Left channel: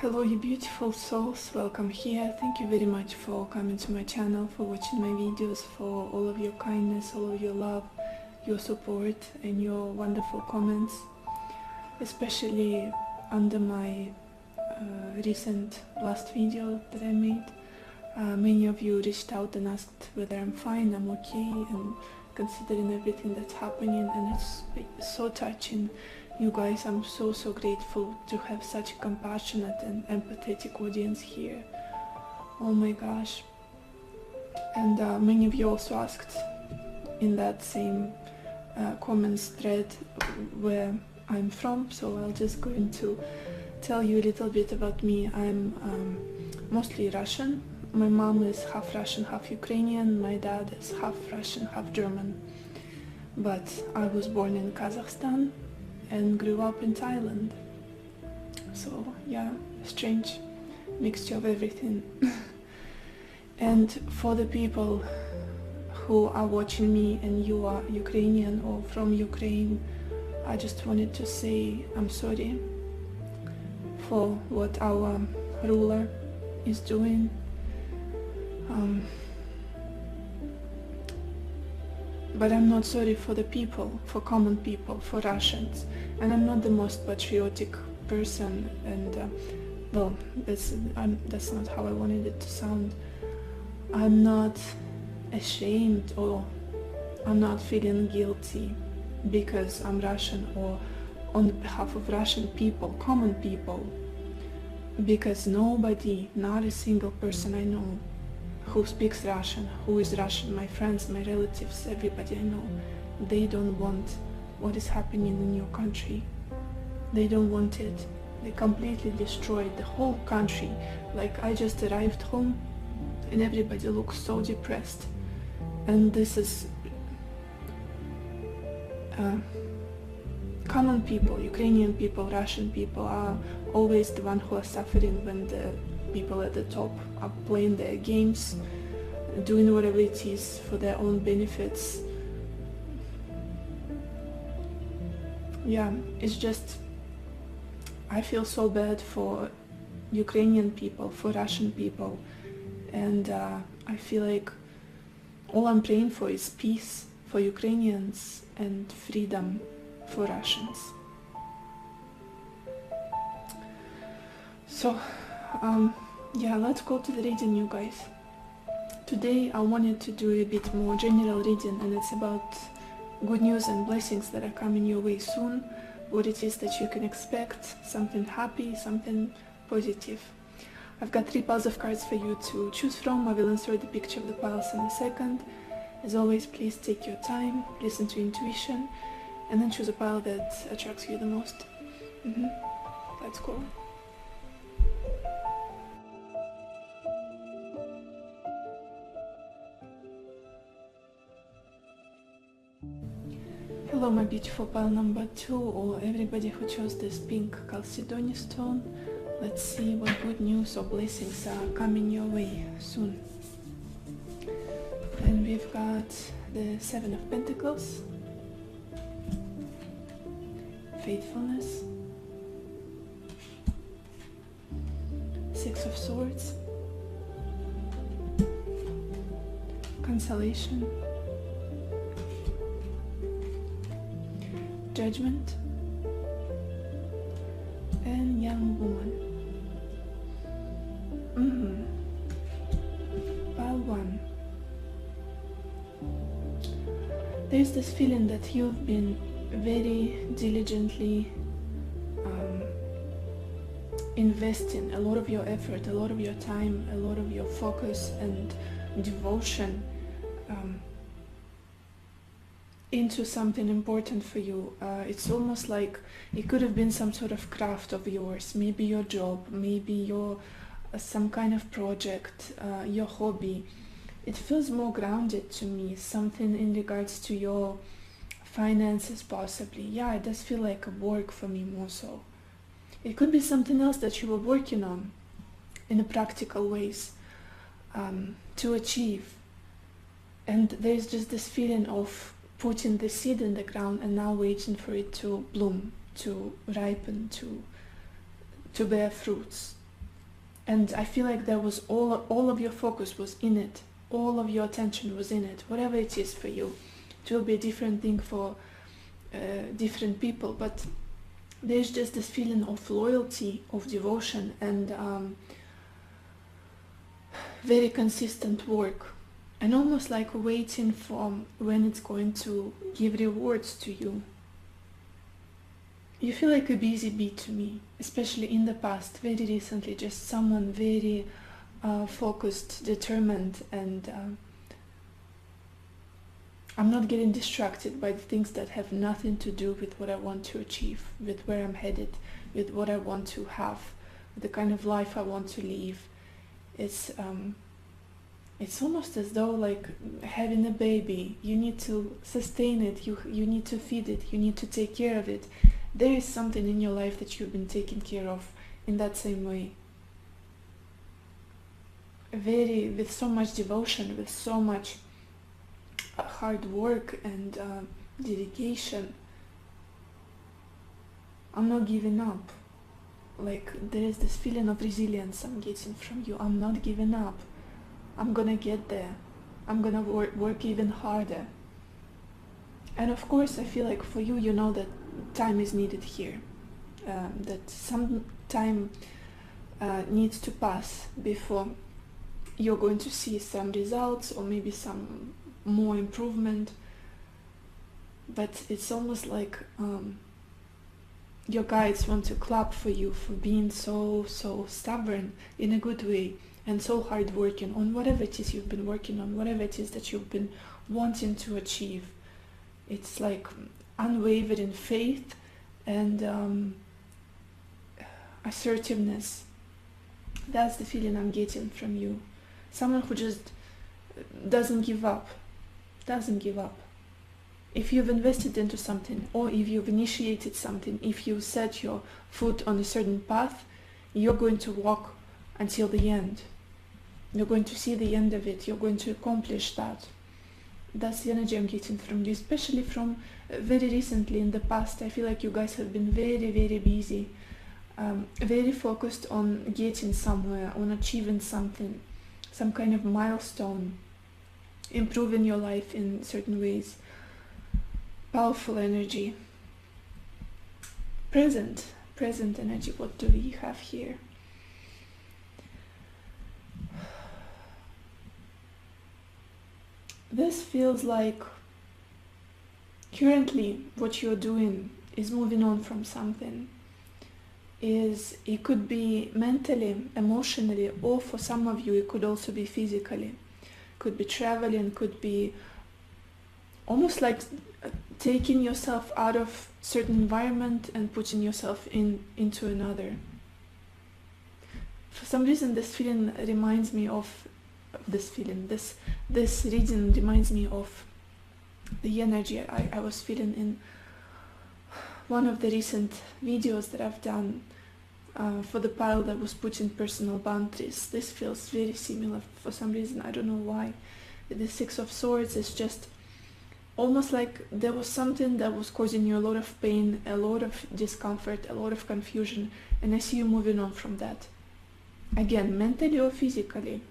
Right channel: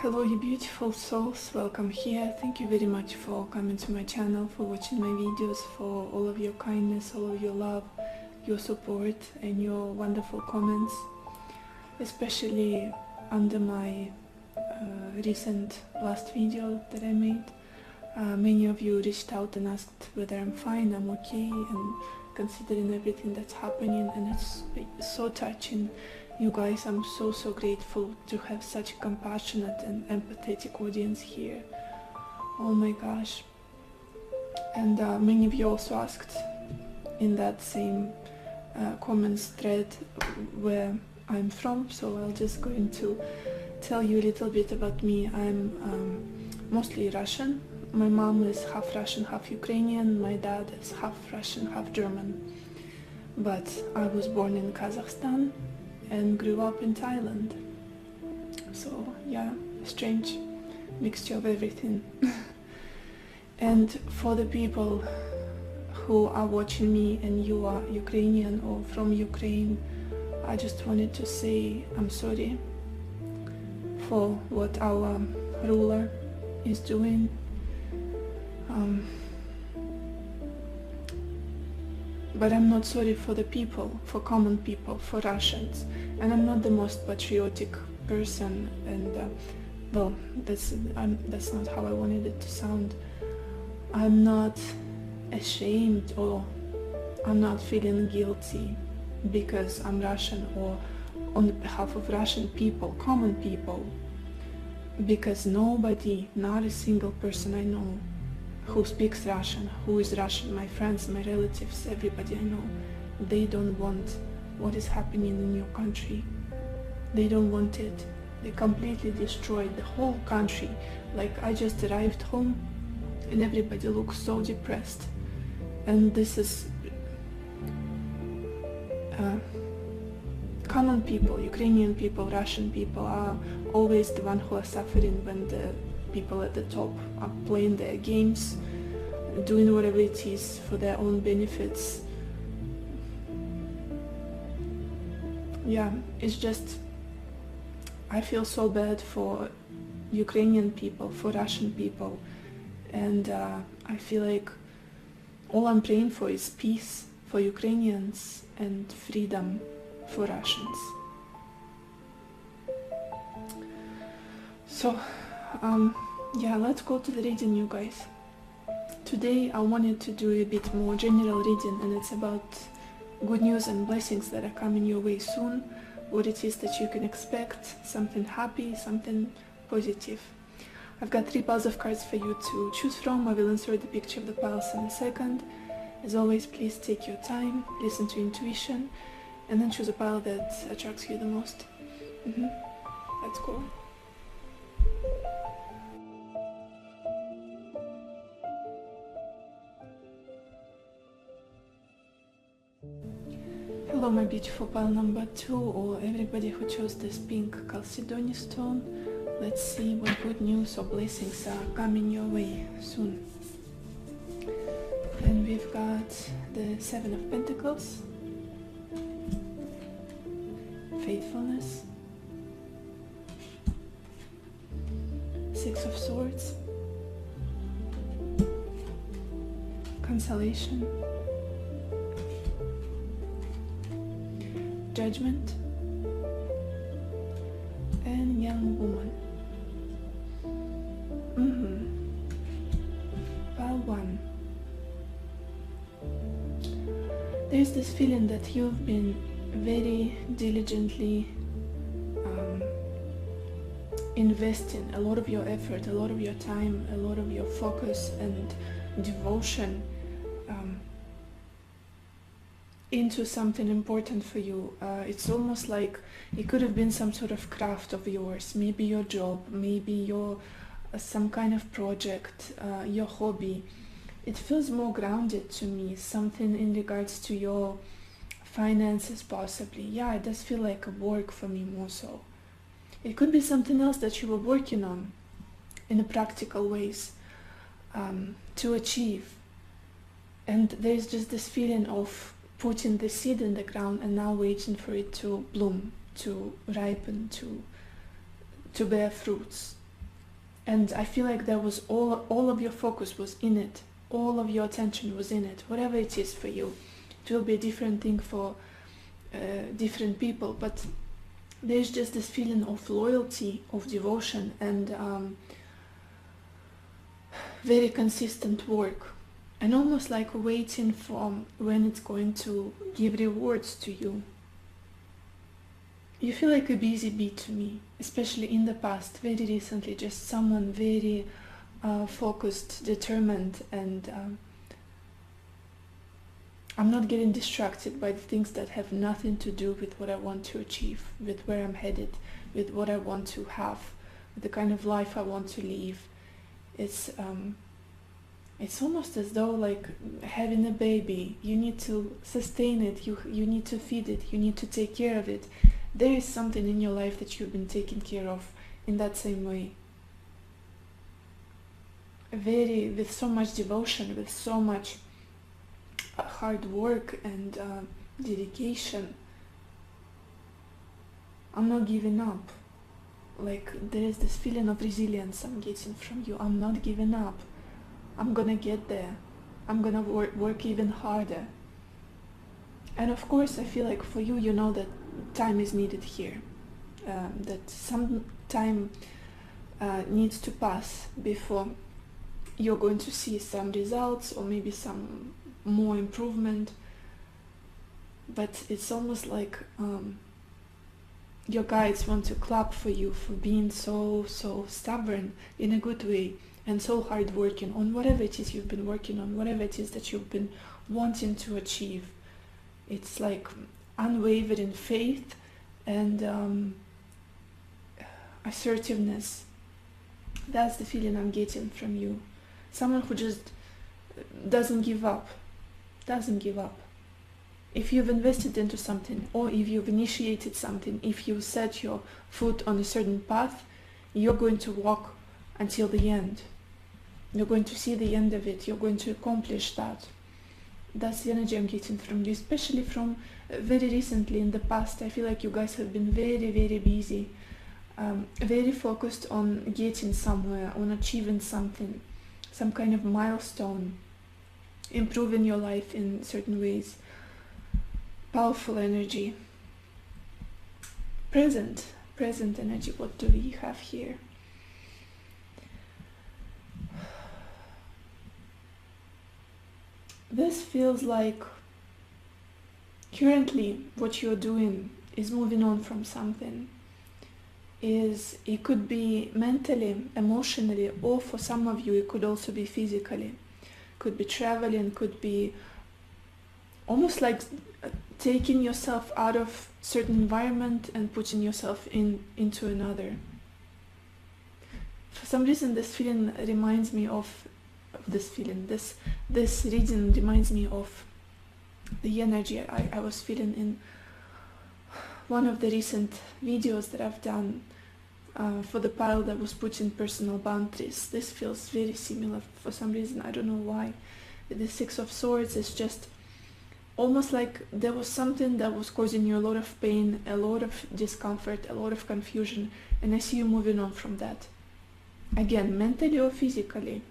Hello you beautiful souls, welcome here. Thank you very much for coming to my channel, for watching my videos, for all of your kindness, all of your love, your support and your wonderful comments, especially under my recent last video that I made. Many of you reached out and asked whether I'm fine, I'm okay, and considering everything that's happening, and it's so touching. You guys, I'm so grateful to have such a compassionate and empathetic audience here. Oh my gosh. And many of you also asked in that same comments thread where I'm from, so I'm just going to tell you a little bit about me. I'm mostly Russian. My mom is half Russian, half Ukrainian. My dad is half Russian, half German. But I was born in Kazakhstan and grew up in Thailand. So yeah, strange mixture of everything. And for the people who are watching me and you are Ukrainian or from Ukraine, I just wanted to say I'm sorry for what our ruler is doing. But I'm not sorry for the people, for common people, for Russians. And I'm not the most patriotic person, and well, that's not how I wanted it to sound. I'm not ashamed, or I'm not feeling guilty because I'm Russian, or on behalf of Russian people, common people. Because nobody, not a single person I know who speaks Russian, who is Russian, my friends, my relatives, everybody I know, they don't want what is happening in your country. They don't want it. They completely destroyed the whole country. Like, I just arrived home and everybody looks so depressed. And this is common people, Ukrainian people, Russian people are always the ones who are suffering when the people at the top are playing their games, doing whatever it is for their own benefits. Yeah, it's just, I feel so bad for Ukrainian people, for Russian people, and I feel like all I'm praying for is peace for Ukrainians and freedom for Russians. So yeah, let's go to the reading, you guys. Today I wanted to do a bit more general reading, and it's about good news and blessings that are coming your way soon, what it is that you can expect, something happy, something positive. I've got 3 piles of cards for you to choose from. I will insert the picture of the piles in a second. As always, please take your time, listen to intuition, and then choose a pile that attracts you the most. That's cool. Hello my beautiful pile number 2, or everybody who chose this pink Chalcedony stone. Let's see what good news or blessings are coming your way soon. And we've got the 7 of Pentacles, faithfulness, 6 of Swords, consolation, Judgment, and Young Woman. Pile 1. There's this feeling that you've been very diligently investing a lot of your effort, a lot of your time, a lot of your focus and devotion into something important for you. It's almost like it could have been some sort of craft of yours, maybe your job, maybe your some kind of project, your hobby. It feels more grounded to me, something in regards to your finances possibly. Yeah, it does feel like a work for me more so. It could be something else that you were working on in a practical ways to achieve. And there's just this feeling of putting the seed in the ground and now waiting for it to bloom, to ripen, to bear fruits. And I feel like there was all of your focus was in it. All of your attention was in it. Whatever it is for you. It will be a different thing for different people, but there's just this feeling of loyalty, of devotion, and very consistent work. And almost like waiting for when it's going to give rewards to you. You feel like a busy bee to me, especially in the past, very recently, just someone very focused, determined, and I'm not getting distracted by the things that have nothing to do with what I want to achieve, with where I'm headed, with what I want to have, with the kind of life I want to live. It's almost as though like having a baby. You need to sustain it, you need to feed it, you need to take care of it. There is something in your life that you've been taking care of in that same way. With so much devotion, with so much hard work and dedication. I'm not giving up. Like there is this feeling of resilience I'm getting from you. I'm not giving up. I'm gonna get there. I'm gonna work even harder. And of course I feel like for you, you know that time is needed here. That some time needs to pass before you're going to see some results or maybe some more improvement. But it's almost like your guides want to clap for you for being so stubborn in a good way and so hard working on whatever it is you've been working on, whatever it is that you've been wanting to achieve. It's like unwavering faith and assertiveness. That's the feeling I'm getting from you. Someone who just doesn't give up. If you've invested into something, or if you've initiated something, if you set your foot on a certain path, you're going to walk until the end. You're going to see the end of it. You're going to accomplish that. That's the energy I'm getting from you, especially from very recently in the past. I feel like you guys have been very, very busy, very focused on getting somewhere, on achieving something, some kind of milestone, improving your life in certain ways. Powerful energy. Present energy. What do we have here? This feels like currently what you're doing is moving on from something. It could be mentally, emotionally, or for some of you it could also be physically. Could be traveling, could be almost like taking yourself out of certain environment and putting yourself into another. For some reason this feeling reminds me of this reading reminds me of the energy I was feeling in one of the recent videos that I've done for the power that was put in personal boundaries. This feels very similar for some reason. I don't know why. The Six of Swords is just almost like there was something that was causing you a lot of pain, a lot of discomfort, a lot of confusion, and I see you moving on from that. Again, mentally or physically.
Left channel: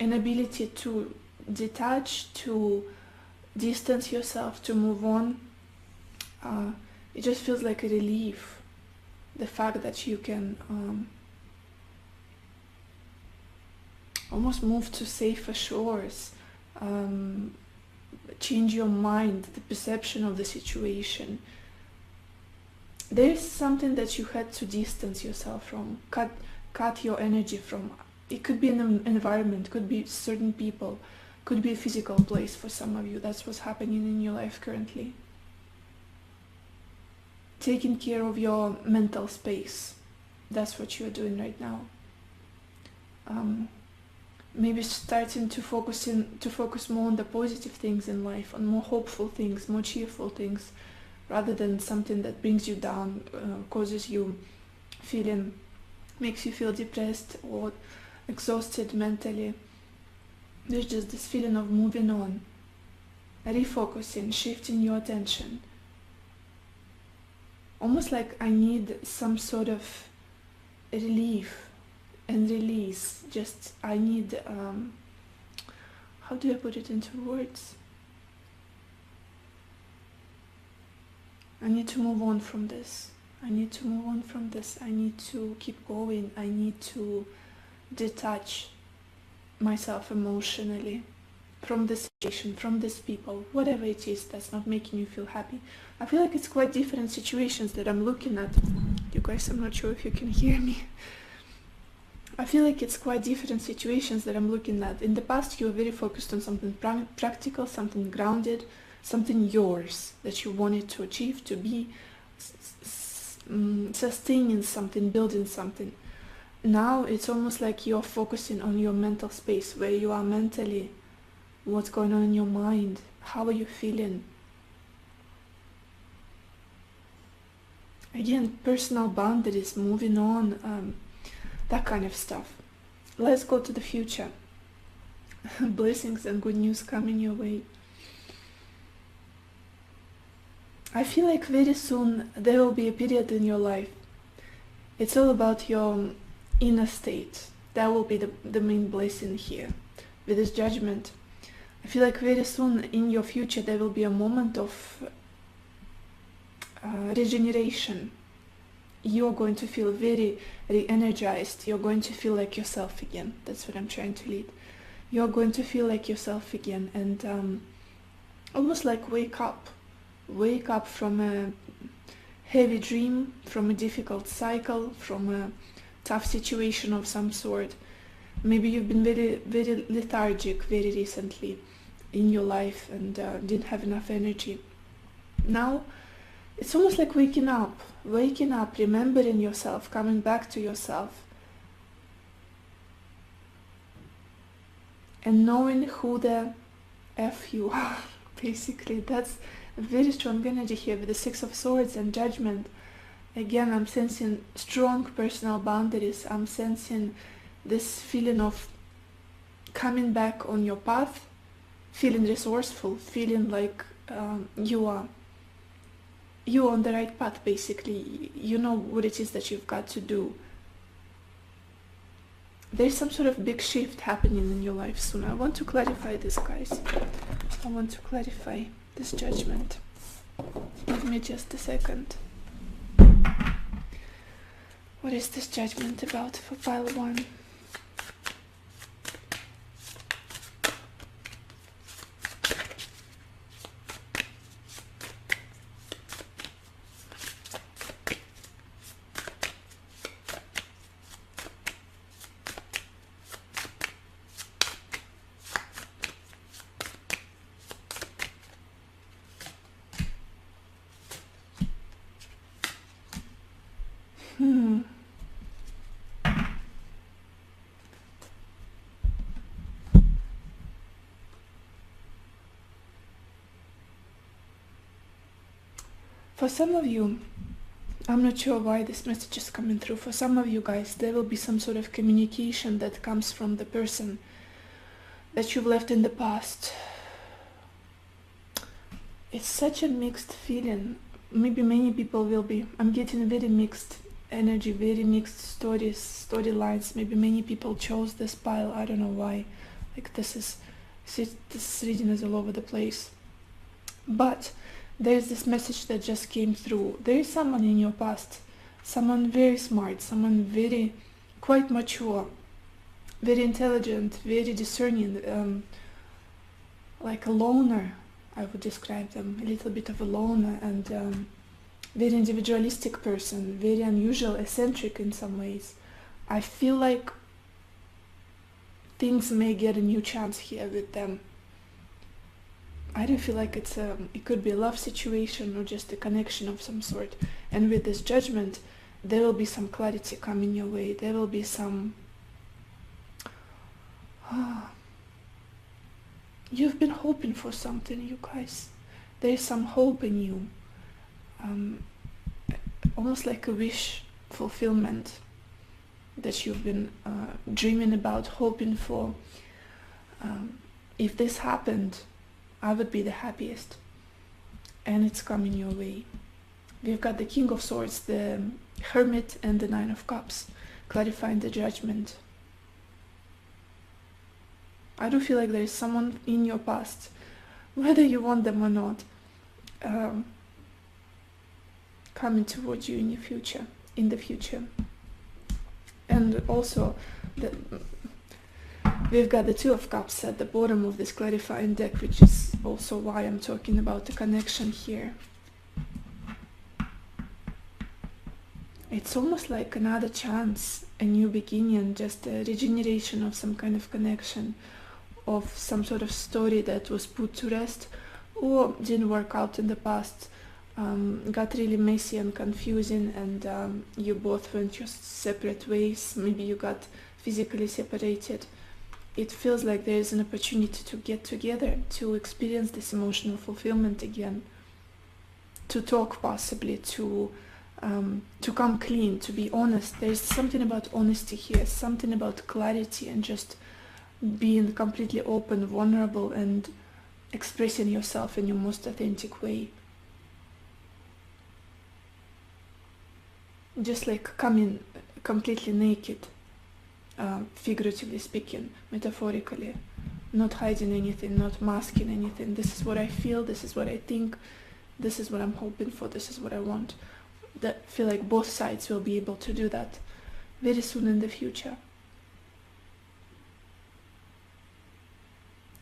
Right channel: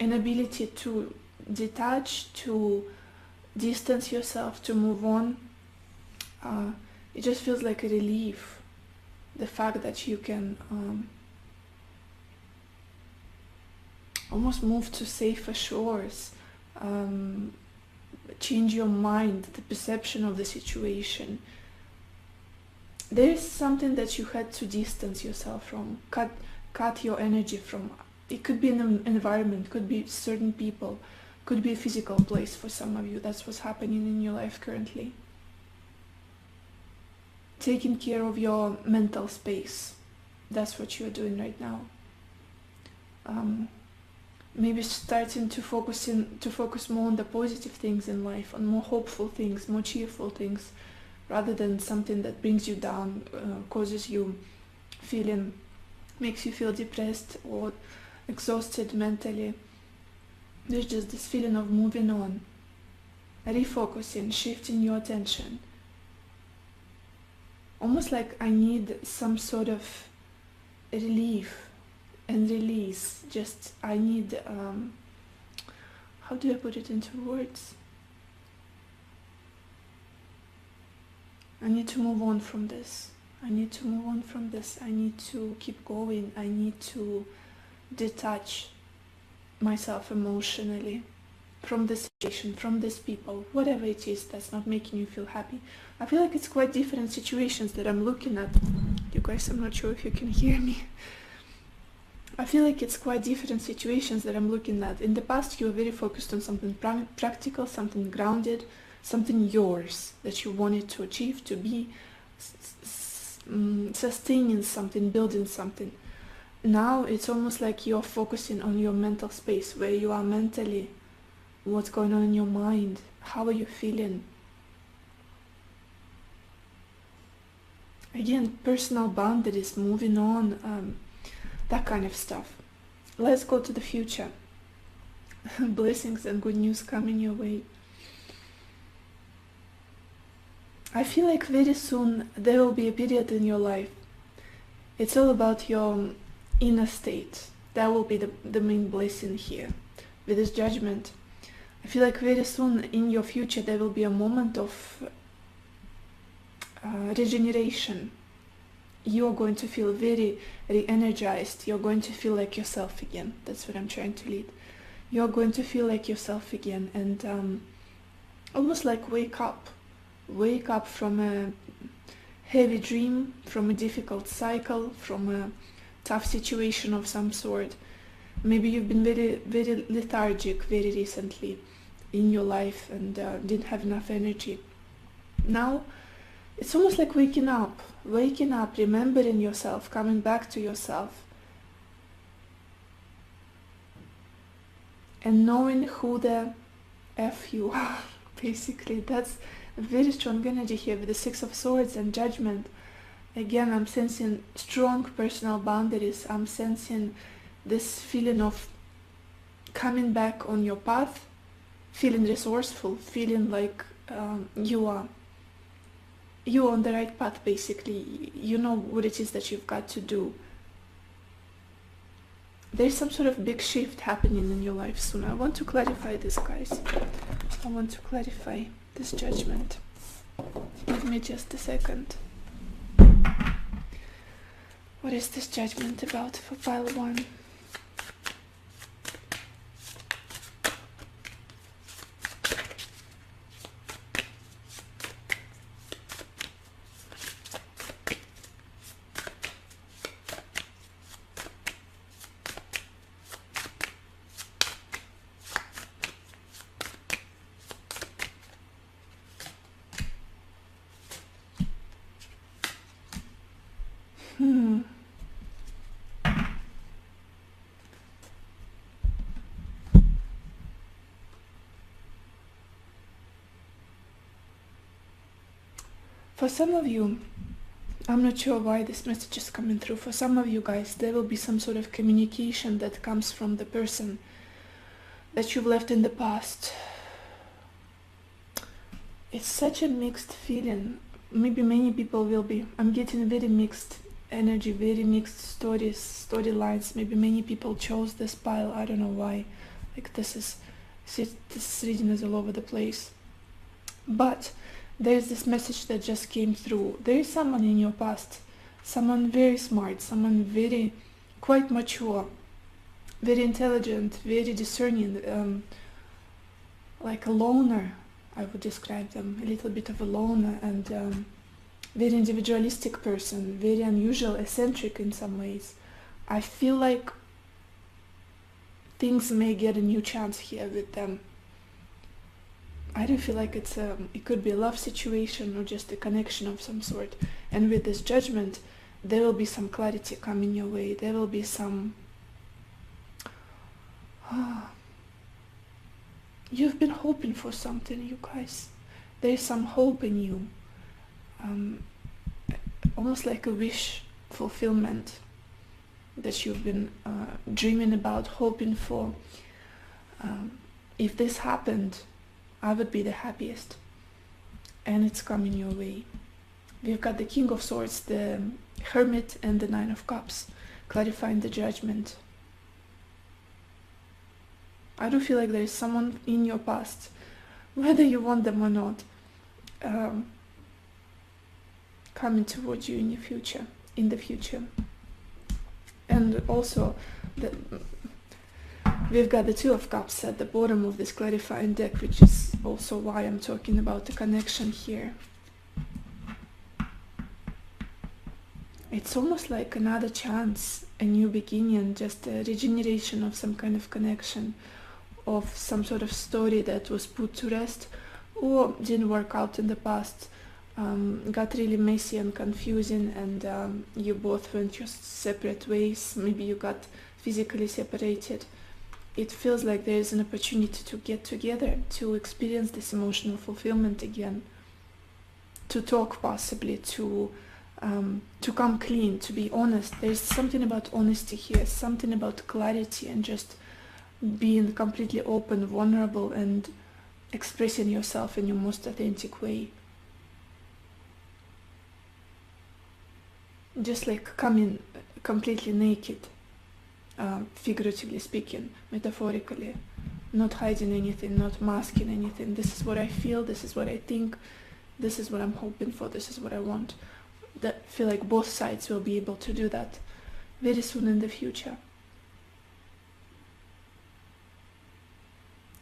An ability to detach, to distance yourself, to move on. It just feels like a relief. The fact that you can almost move to safer shores, change your mind, the perception of the situation. There is something that you had to distance yourself from, cut your energy from. It could be an environment, could be certain people, could be a physical place for some of you. That's what's happening in your life currently. Taking care of your mental space. That's what you're doing right now. Maybe starting to focus more on the positive things in life, on more hopeful things, more cheerful things, rather than something that brings you down, causes you makes you feel depressed or exhausted mentally. There's just this feeling of moving on, refocusing, shifting your attention. Almost like I need some sort of relief and release. Just, I need, how do I put it into words? I need to move on from this. I need to move on from this. I need to keep going. I need to detach myself emotionally from this situation, from these people, whatever it is that's not making you feel happy. I feel like it's quite different situations that I'm looking at. You guys, I'm not sure if you can hear me. I feel like it's quite different situations that I'm looking at. In the past, you were very focused on something practical, something grounded, something yours that you wanted to achieve, to be sustaining something, building something. Now it's almost like you're focusing on your mental space, where you are mentally, what's going on in your mind, how are you feeling. Again, personal boundaries, moving on, that kind of stuff. Let's go to the future. Blessings and good news coming your way. I feel like very soon there will be a period in your life. It's all about your inner state. That will be the main blessing here with this judgment. I feel like very soon in your future there will be a moment of regeneration. You're going to feel very re-energized. You're going to feel like yourself again. That's what I'm trying to lead. You're going to feel like yourself again, and almost like wake up from a heavy dream, from a difficult cycle, from a tough situation of some sort. Maybe you've been very lethargic very recently in your life and didn't have enough energy. Now it's almost like waking up, remembering yourself, coming back to yourself, and knowing who the F you are. Basically, that's a very strong energy here with the Six of Swords and Judgment. Again, I'm sensing strong personal boundaries. I'm sensing this feeling of coming back on your path, feeling resourceful, feeling like you're on the right path, basically. You know what it is that you've got to do. There's some sort of big shift happening in your life soon. I want to clarify this, guys. I want to clarify this judgment. Give me just a second. What is this judgment about for pile 1? For some of you, I'm not sure why this message is coming through. For some of you guys, there will be some sort of communication that comes from the person that you've left in the past. It's such a mixed feeling. Maybe many people will be. I'm getting a very mixed energy, very mixed storylines. Maybe many people chose this pile. I don't know why. Like this reading is all over the place. But there's this message that just came through. There is someone in your past, someone very smart, someone very quite mature, very intelligent, very discerning, like a loner. I would describe them, a little bit of a loner, and very individualistic person, very unusual, eccentric in some ways. I feel like things may get a new chance here with them. I don't feel like it could be a love situation or just a connection of some sort. And with this judgment, there will be some clarity coming your way. There will be some... You've been hoping for something, you guys. There's some hope in you. Almost like a wish fulfillment that you've been dreaming about, hoping for. If this happened, I would be the happiest. And it's coming your way. We've got the King of Swords, the Hermit, and the Nine of Cups. clarifying the judgment. I do feel like there is someone in your past, whether you want them or not, coming towards you in the future. And also, we've got the Two of Cups at the bottom of this clarifying deck, which is also why I'm talking about the connection here. It's almost like another chance, a new beginning, just a regeneration of some kind of connection, of some sort of story that was put to rest or didn't work out in the past, got really messy and confusing, and you both went your separate ways. Maybe you got physically separated. It feels like there is an opportunity to get together, to experience this emotional fulfillment again, to talk possibly, to come clean, to be honest. There's something about honesty here, something about clarity and just being completely open, vulnerable, and expressing yourself in your most authentic way. Just like coming completely naked, figuratively speaking, metaphorically, not hiding anything, not masking anything. This is what I feel, this is what I think, this is what I'm hoping for, this is what I want. I feel like both sides will be able to do that very soon in the future.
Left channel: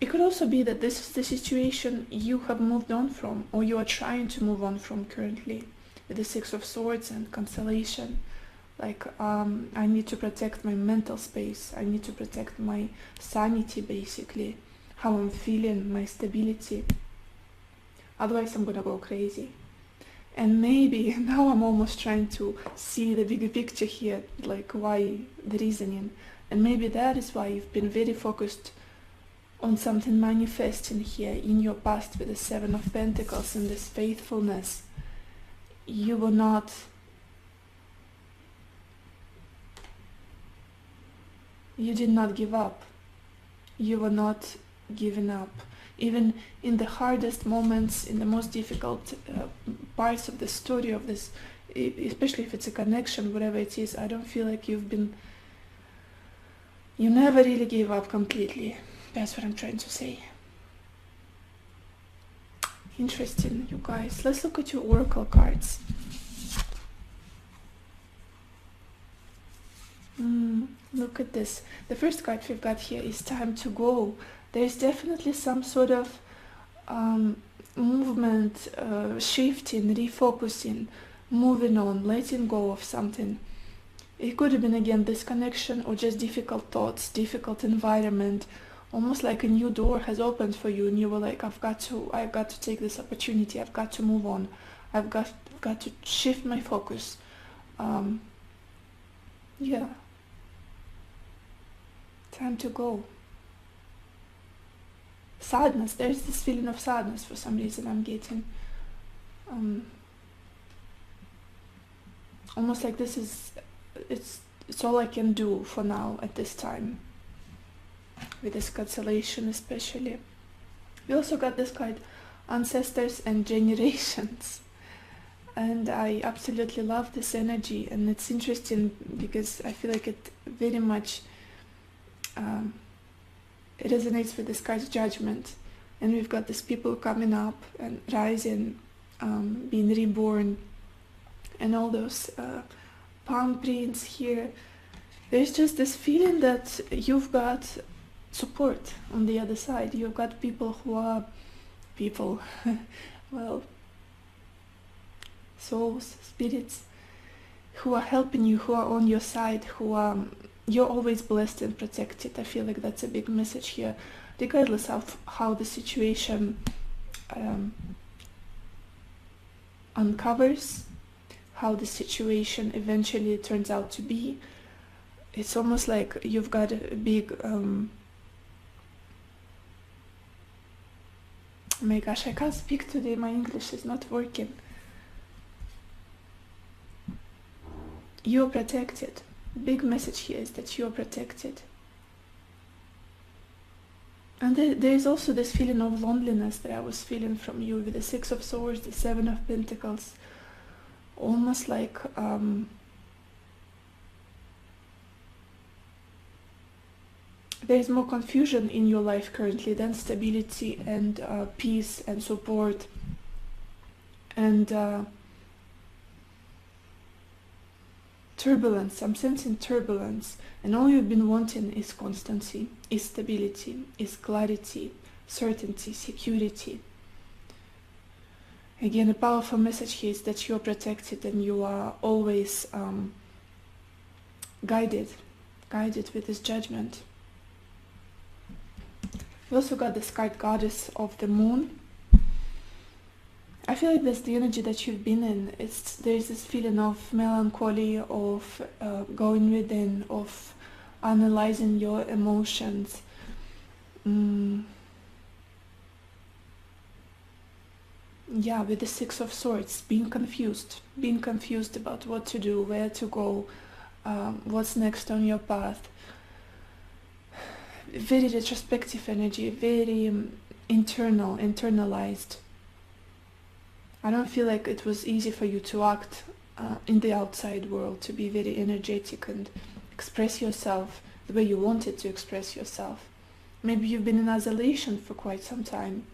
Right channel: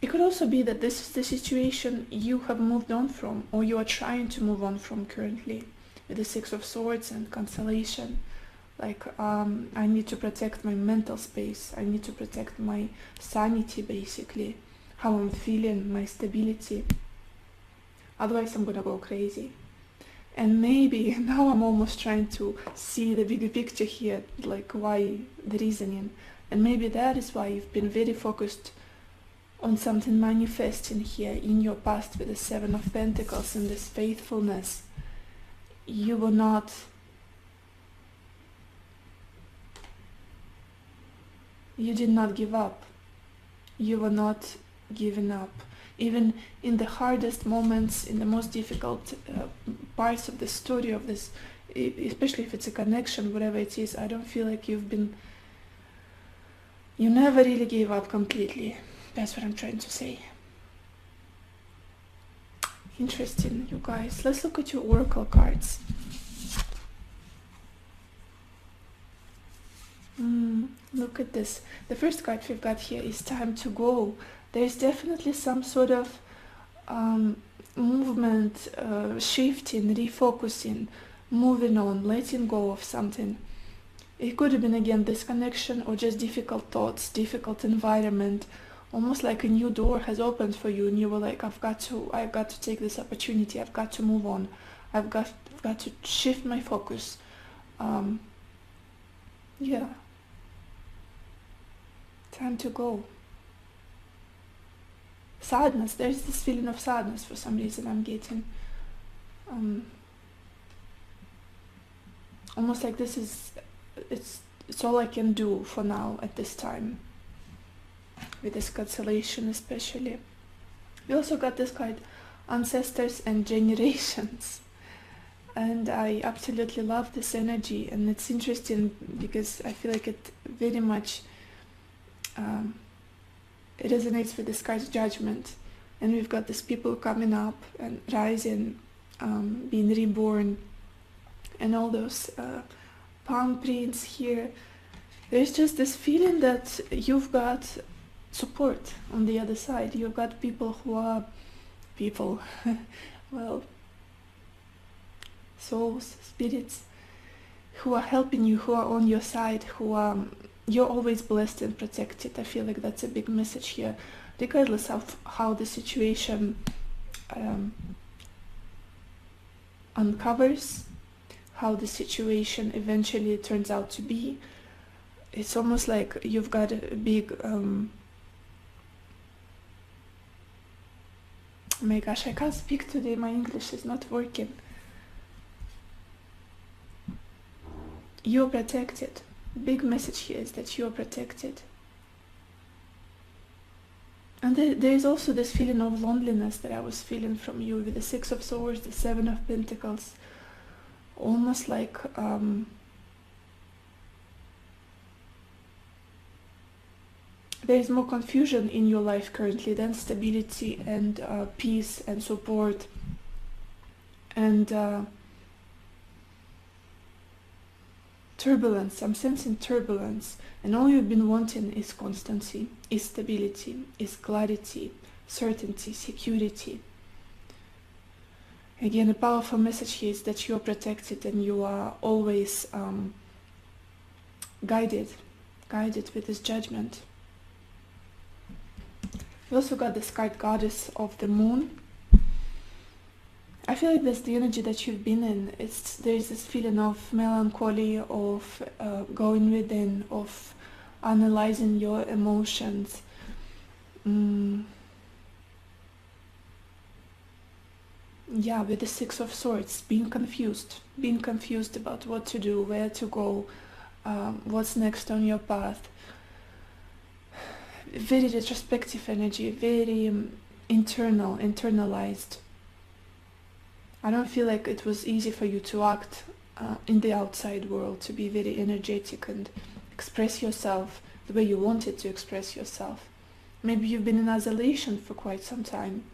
It could also be that this is the situation you have moved on from, or you are trying to move on from currently, with the Six of Swords and Consolation. Like, I need to protect my mental space, I need to protect my sanity, basically, how I'm feeling, my stability. Otherwise I'm gonna go crazy. And maybe now I'm almost trying to see the bigger picture here, like why the reasoning. And maybe that is why you've been very focused on something manifesting here in your past with the Seven of Pentacles and this faithfulness. You did not give up. You were not giving up. Even in the hardest moments, in the most difficult parts of the story of this, especially if it's a connection, whatever it is, I don't feel like you never really gave up completely. That's what I'm trying to say. Interesting, you guys. Let's look at your oracle cards. Look at this. The first card we've got here is time to go. There's definitely some sort of movement, shifting, refocusing, moving on, letting go of something. It could have been again disconnection or just difficult thoughts, difficult environment, almost like a new door has opened for you and you were like, I've got to take this opportunity, I've got to move on, I've got to shift my focus. Yeah. Time to go. Sadness, there's this feeling of sadness for some reason I'm getting. Almost like this is, it's all I can do for now at this time. With this consolation especially. I also got this card, Ancestors and Generations. And I absolutely love this energy, and it's interesting because I feel like it very much it resonates with this card's Judgment. And we've got these people coming up and rising, being reborn, and all those palm prints here. There's just this feeling that you've got support on the other side. You've got people who are well, souls, spirits, who are helping you, who are on your side, who are, you're always blessed and protected. I feel like that's a big message here, regardless of how the situation uncovers, how the situation eventually turns out to be. It's almost like you've got a big my gosh, I can't speak today, my English is not working. You're protected. Big message here is that you're protected. And there's also this feeling of loneliness that I was feeling from you with the Six of Swords, the Seven of Pentacles. Almost like there's more confusion in your life currently than stability and peace and support and turbulence. I'm sensing turbulence, and all you've been wanting is constancy, is stability, is clarity, certainty, security. Again, a powerful message here is that you're protected and you are always guided with this judgment. We also got this card, Goddess of the Moon. I feel like that's the energy that you've been in. There's this feeling of melancholy, of going within, of analyzing your emotions. Yeah, with the Six of Swords, being confused about what to do, where to go, what's next on your path. Very retrospective energy, very internalized. I don't feel like it was easy for you to act in the outside world, to be very energetic and express yourself the way you wanted to express yourself. Maybe you've been in isolation for quite some time.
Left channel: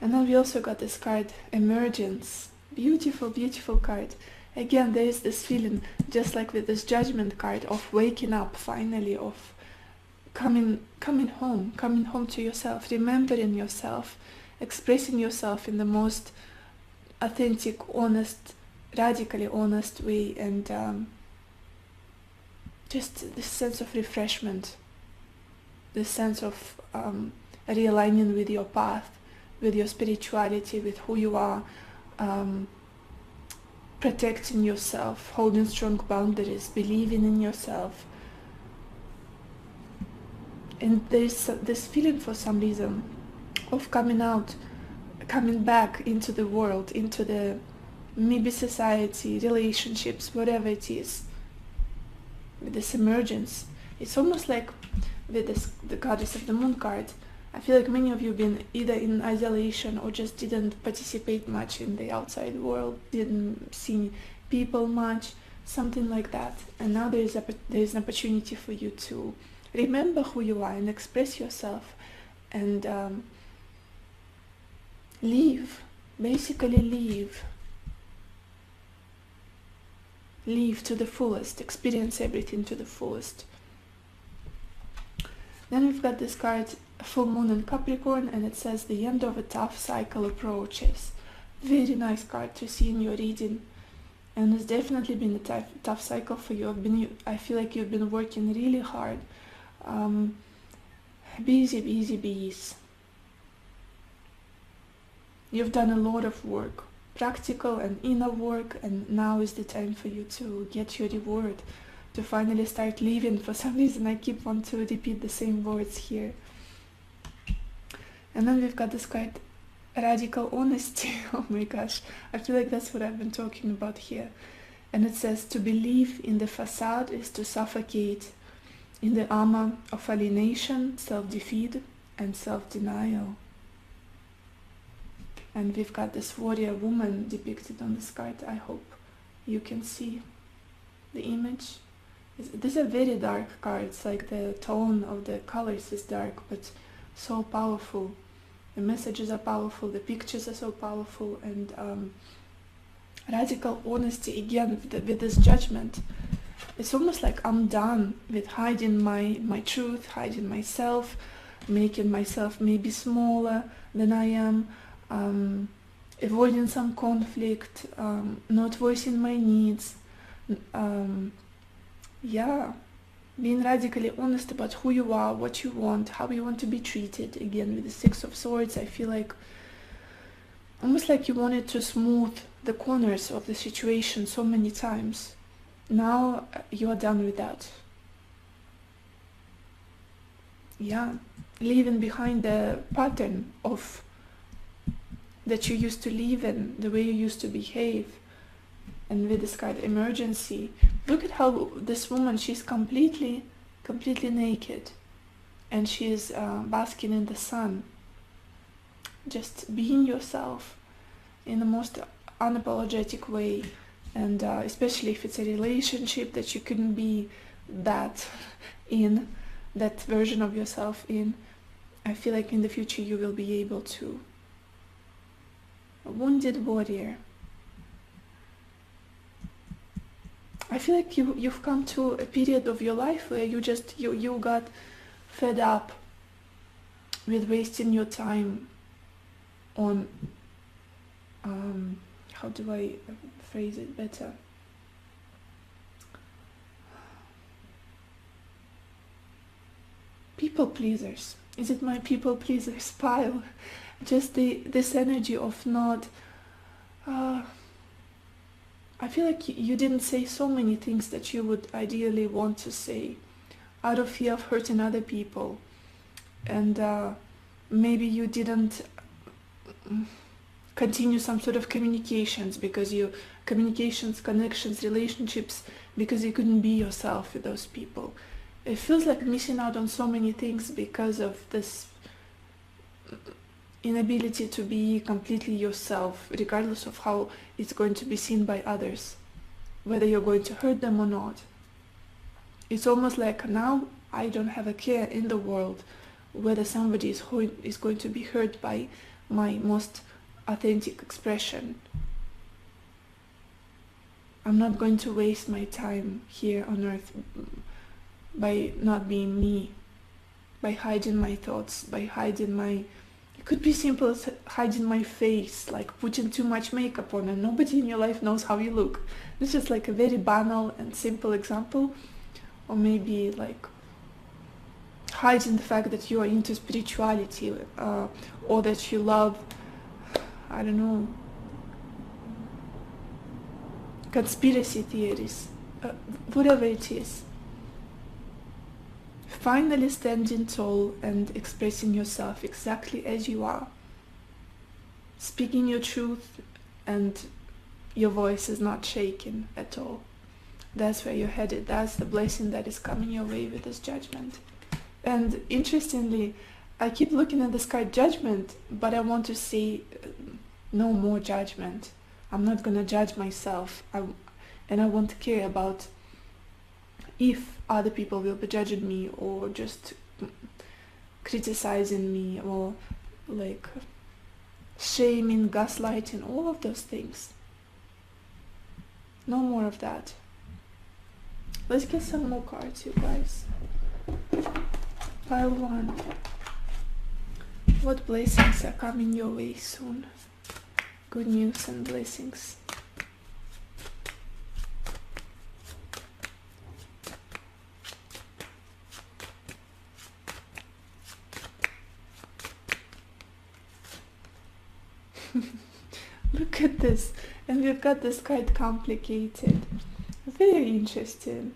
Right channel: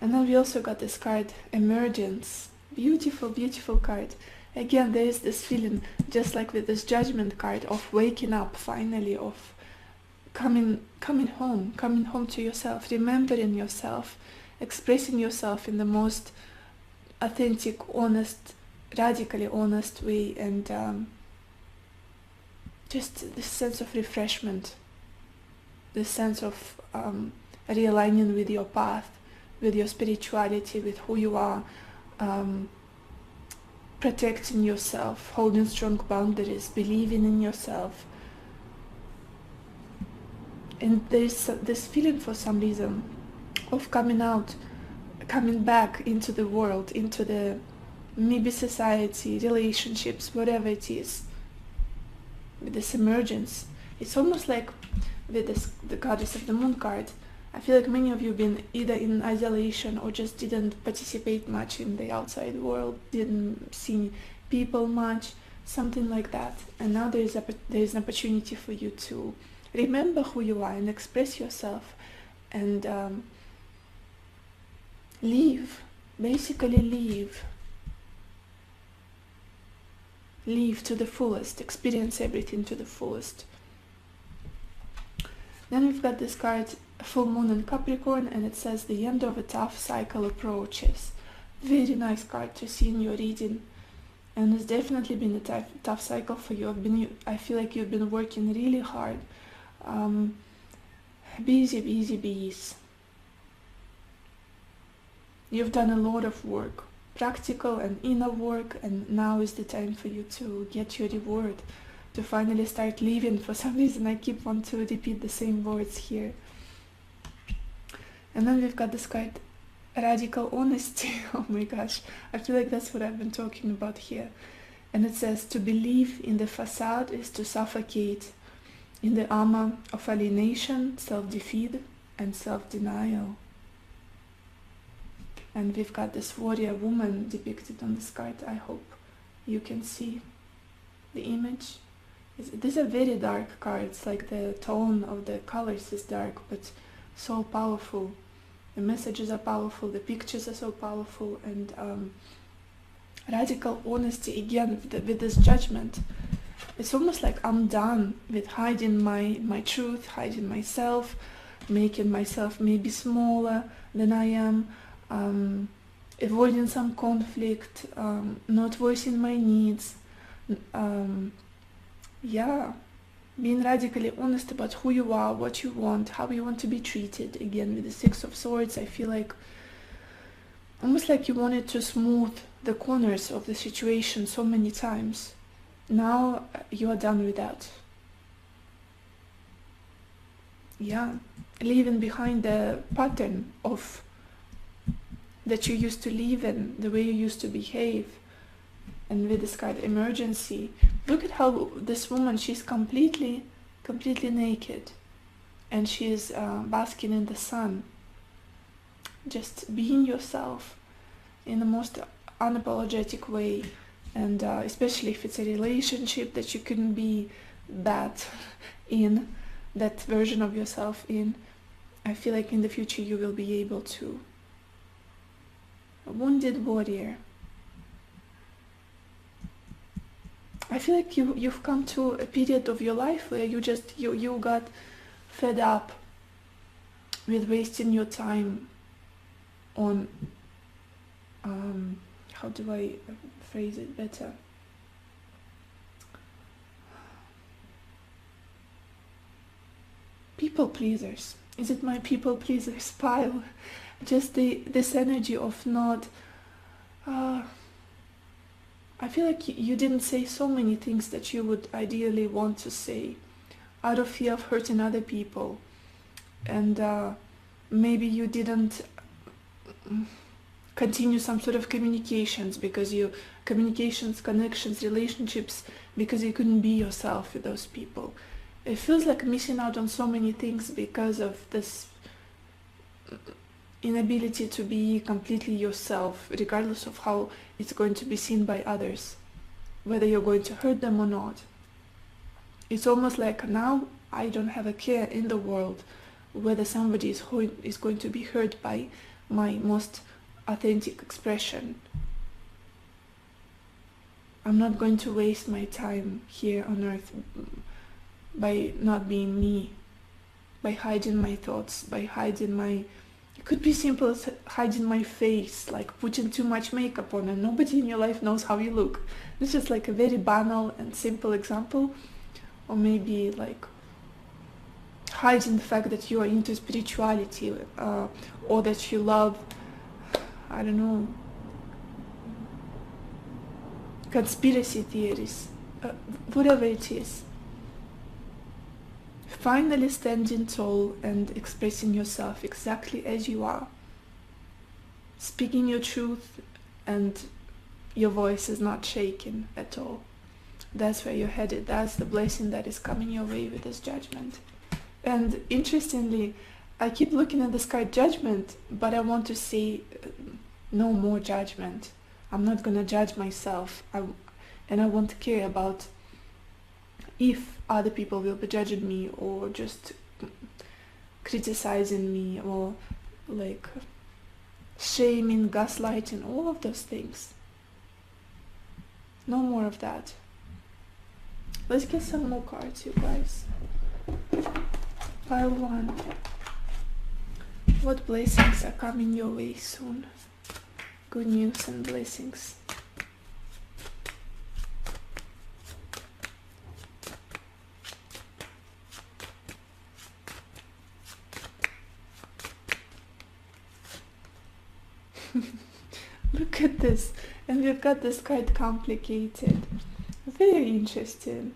And then we also got this card, Emergence. Beautiful, beautiful card. Again, there is this feeling, just like with this Judgment card, of waking up finally, of coming home to yourself, remembering yourself, expressing yourself in the most authentic, honest, radically honest way, and just this sense of refreshment, this sense of realigning with your path, with your spirituality, with who you are, protecting yourself, holding strong boundaries, believing in yourself. And there's this feeling for some reason of coming back into the world, into the maybe society, relationships, whatever it is, with this emergence. It's almost like with the Goddess of the Moon card, I feel like many of you have been either in isolation or just didn't participate much in the outside world, didn't see people much, something like that. And now there's an opportunity for you to remember who you are and express yourself and basically live to the fullest, experience everything to the fullest. Then we've got this card, Full Moon in Capricorn, and it says the end of a tough cycle approaches. Very nice card to see in your reading, and it's definitely been a tough cycle for you. I feel like you've been working really hard, busy bees. You've done a lot of work, practical and inner work, and now is the time for you to get your reward, to finally start living. For some reason I keep on to repeat the same words here. And then we've got this card, Radical Honesty. Oh my gosh, I feel like that's what I've been talking about here. And it says, to believe in the facade is to suffocate in the armor of alienation, self-defeat, and self-denial. And we've got this warrior woman depicted on this card. I hope you can see the image. These are very dark cards, like the tone of the colors is dark, but so powerful. The messages are powerful, the pictures are so powerful, and radical honesty, again, with this judgment. It's almost like I'm done with hiding my truth, hiding myself, making myself maybe smaller than I am, avoiding some conflict, not voicing my needs. Yeah, being radically honest about who you are, what you want, how you want to be treated. Again, with the Six of Swords, I feel like almost like you wanted to smooth the corners of the situation so many times. Now you are done with that. Yeah, leaving behind the pattern of that you used to live in, the way you used to behave. And with this card, Emergency, look at how this woman, she's completely naked, and she's basking in the sun, just being yourself in the most unapologetic way. And especially if it's a relationship that you couldn't be that in, that version of yourself in, I feel like in the future you will be able to. Wounded warrior. I feel like you've come to a period of your life where you got fed up with wasting your time on how do I phrase it better? People pleasers. Is it my people pleasers pile? Just this energy of not. I feel like you didn't say so many things that you would ideally want to say, out of fear of hurting other people, and maybe you didn't continue some sort of communications because connections, relationships, because you couldn't be yourself with those people. It feels like missing out on so many things because of this inability to be completely yourself, regardless of how it's going to be seen by others, whether you're going to hurt them or not. It's almost like now I don't have a care in the world whether somebody is going to be hurt by my most authentic expression. I'm not going to waste my time here on earth by not being me, by hiding my thoughts, by hiding my... It could be simple as hiding my face, like putting too much makeup on and nobody in your life knows how you look. This is like a very banal and simple example. Or maybe like hiding the fact that you are into spirituality, or that you love, I don't know, conspiracy theories, whatever it is. Finally standing tall and expressing yourself exactly as you are, speaking your truth, and your voice is not shaking at all. That's where you're headed. That's the blessing that is coming your way with this judgment. And interestingly, I keep looking at the sky judgment, but I want to see no more judgment. I'm not going to judge myself, and I won't care about if other people will be judging me or just criticizing me or like shaming, gaslighting, all of those things. No more of that. Let's get some more cards, you guys. Pile 1. What blessings are coming your way soon? Good news and blessings. Look at this, and we've got this quite complicated. Very interesting.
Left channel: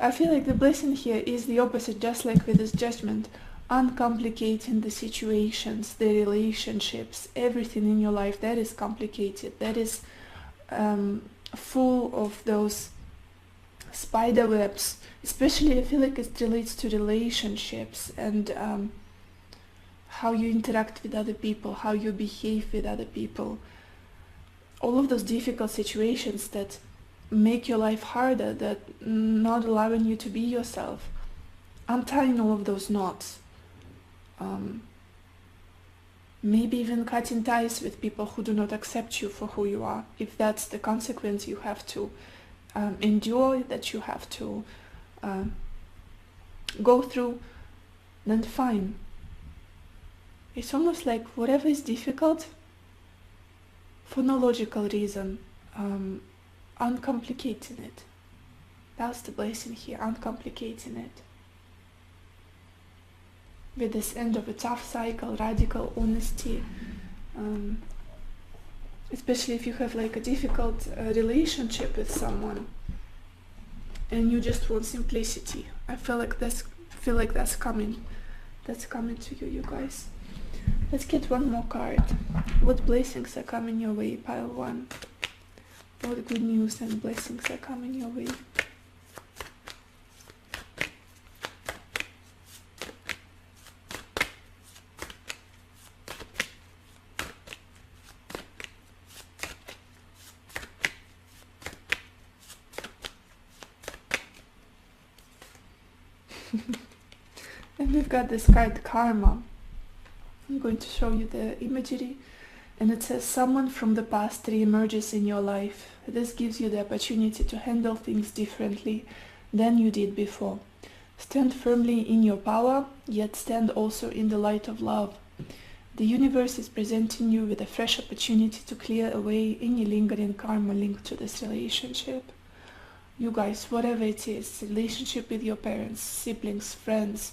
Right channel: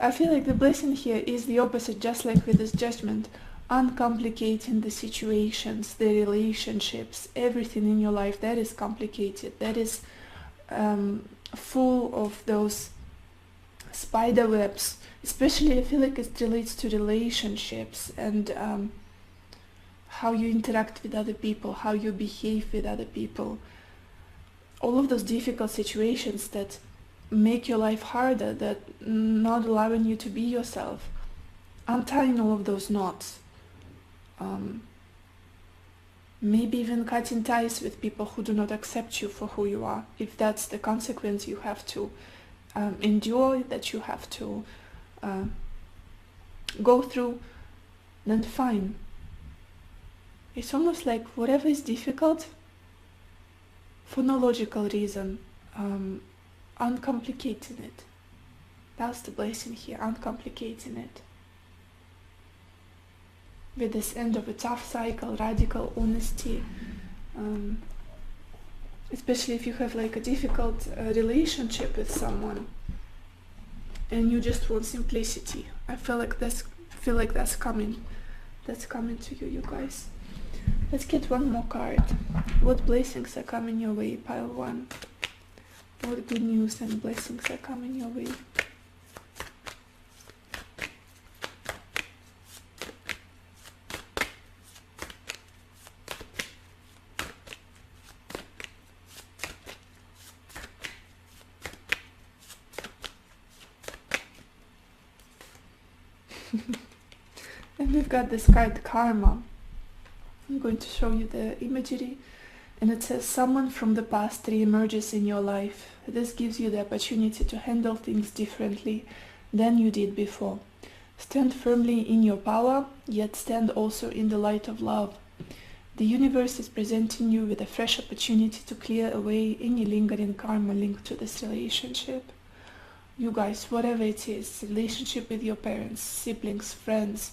I feel like the blessing here is the opposite, just like with this judgment. Uncomplicating the situations, the relationships, everything in your life that is complicated, that is full of those spider webs. Especially I feel like it relates to relationships and how you interact with other people, how you behave with other people. All of those difficult situations that make your life harder, that not allowing you to be yourself. Untying all of those knots. Maybe even cutting ties with people who do not accept you for who you are. If that's the consequence you have to endure, that you have to go through, then fine. It's almost like whatever is difficult, for no logical reason, uncomplicating it. That's the blessing here, uncomplicating it. With this end of a tough cycle, radical honesty, especially if you have like a difficult relationship with someone and you just want simplicity. I feel like that's coming. That's coming to you guys. Let's get one more card. What blessings are coming your way, pile 1? What good news and blessings are coming your way? And we've got this card, Karma. I'm going to show you the imagery. And it says, someone from the past re-emerges in your life. This gives you the opportunity to handle things differently than you did before. Stand firmly in your power, yet stand also in the light of love. The universe is presenting you with a fresh opportunity to clear away any lingering karma linked to this relationship. You guys, whatever it is, relationship with your parents, siblings, friends,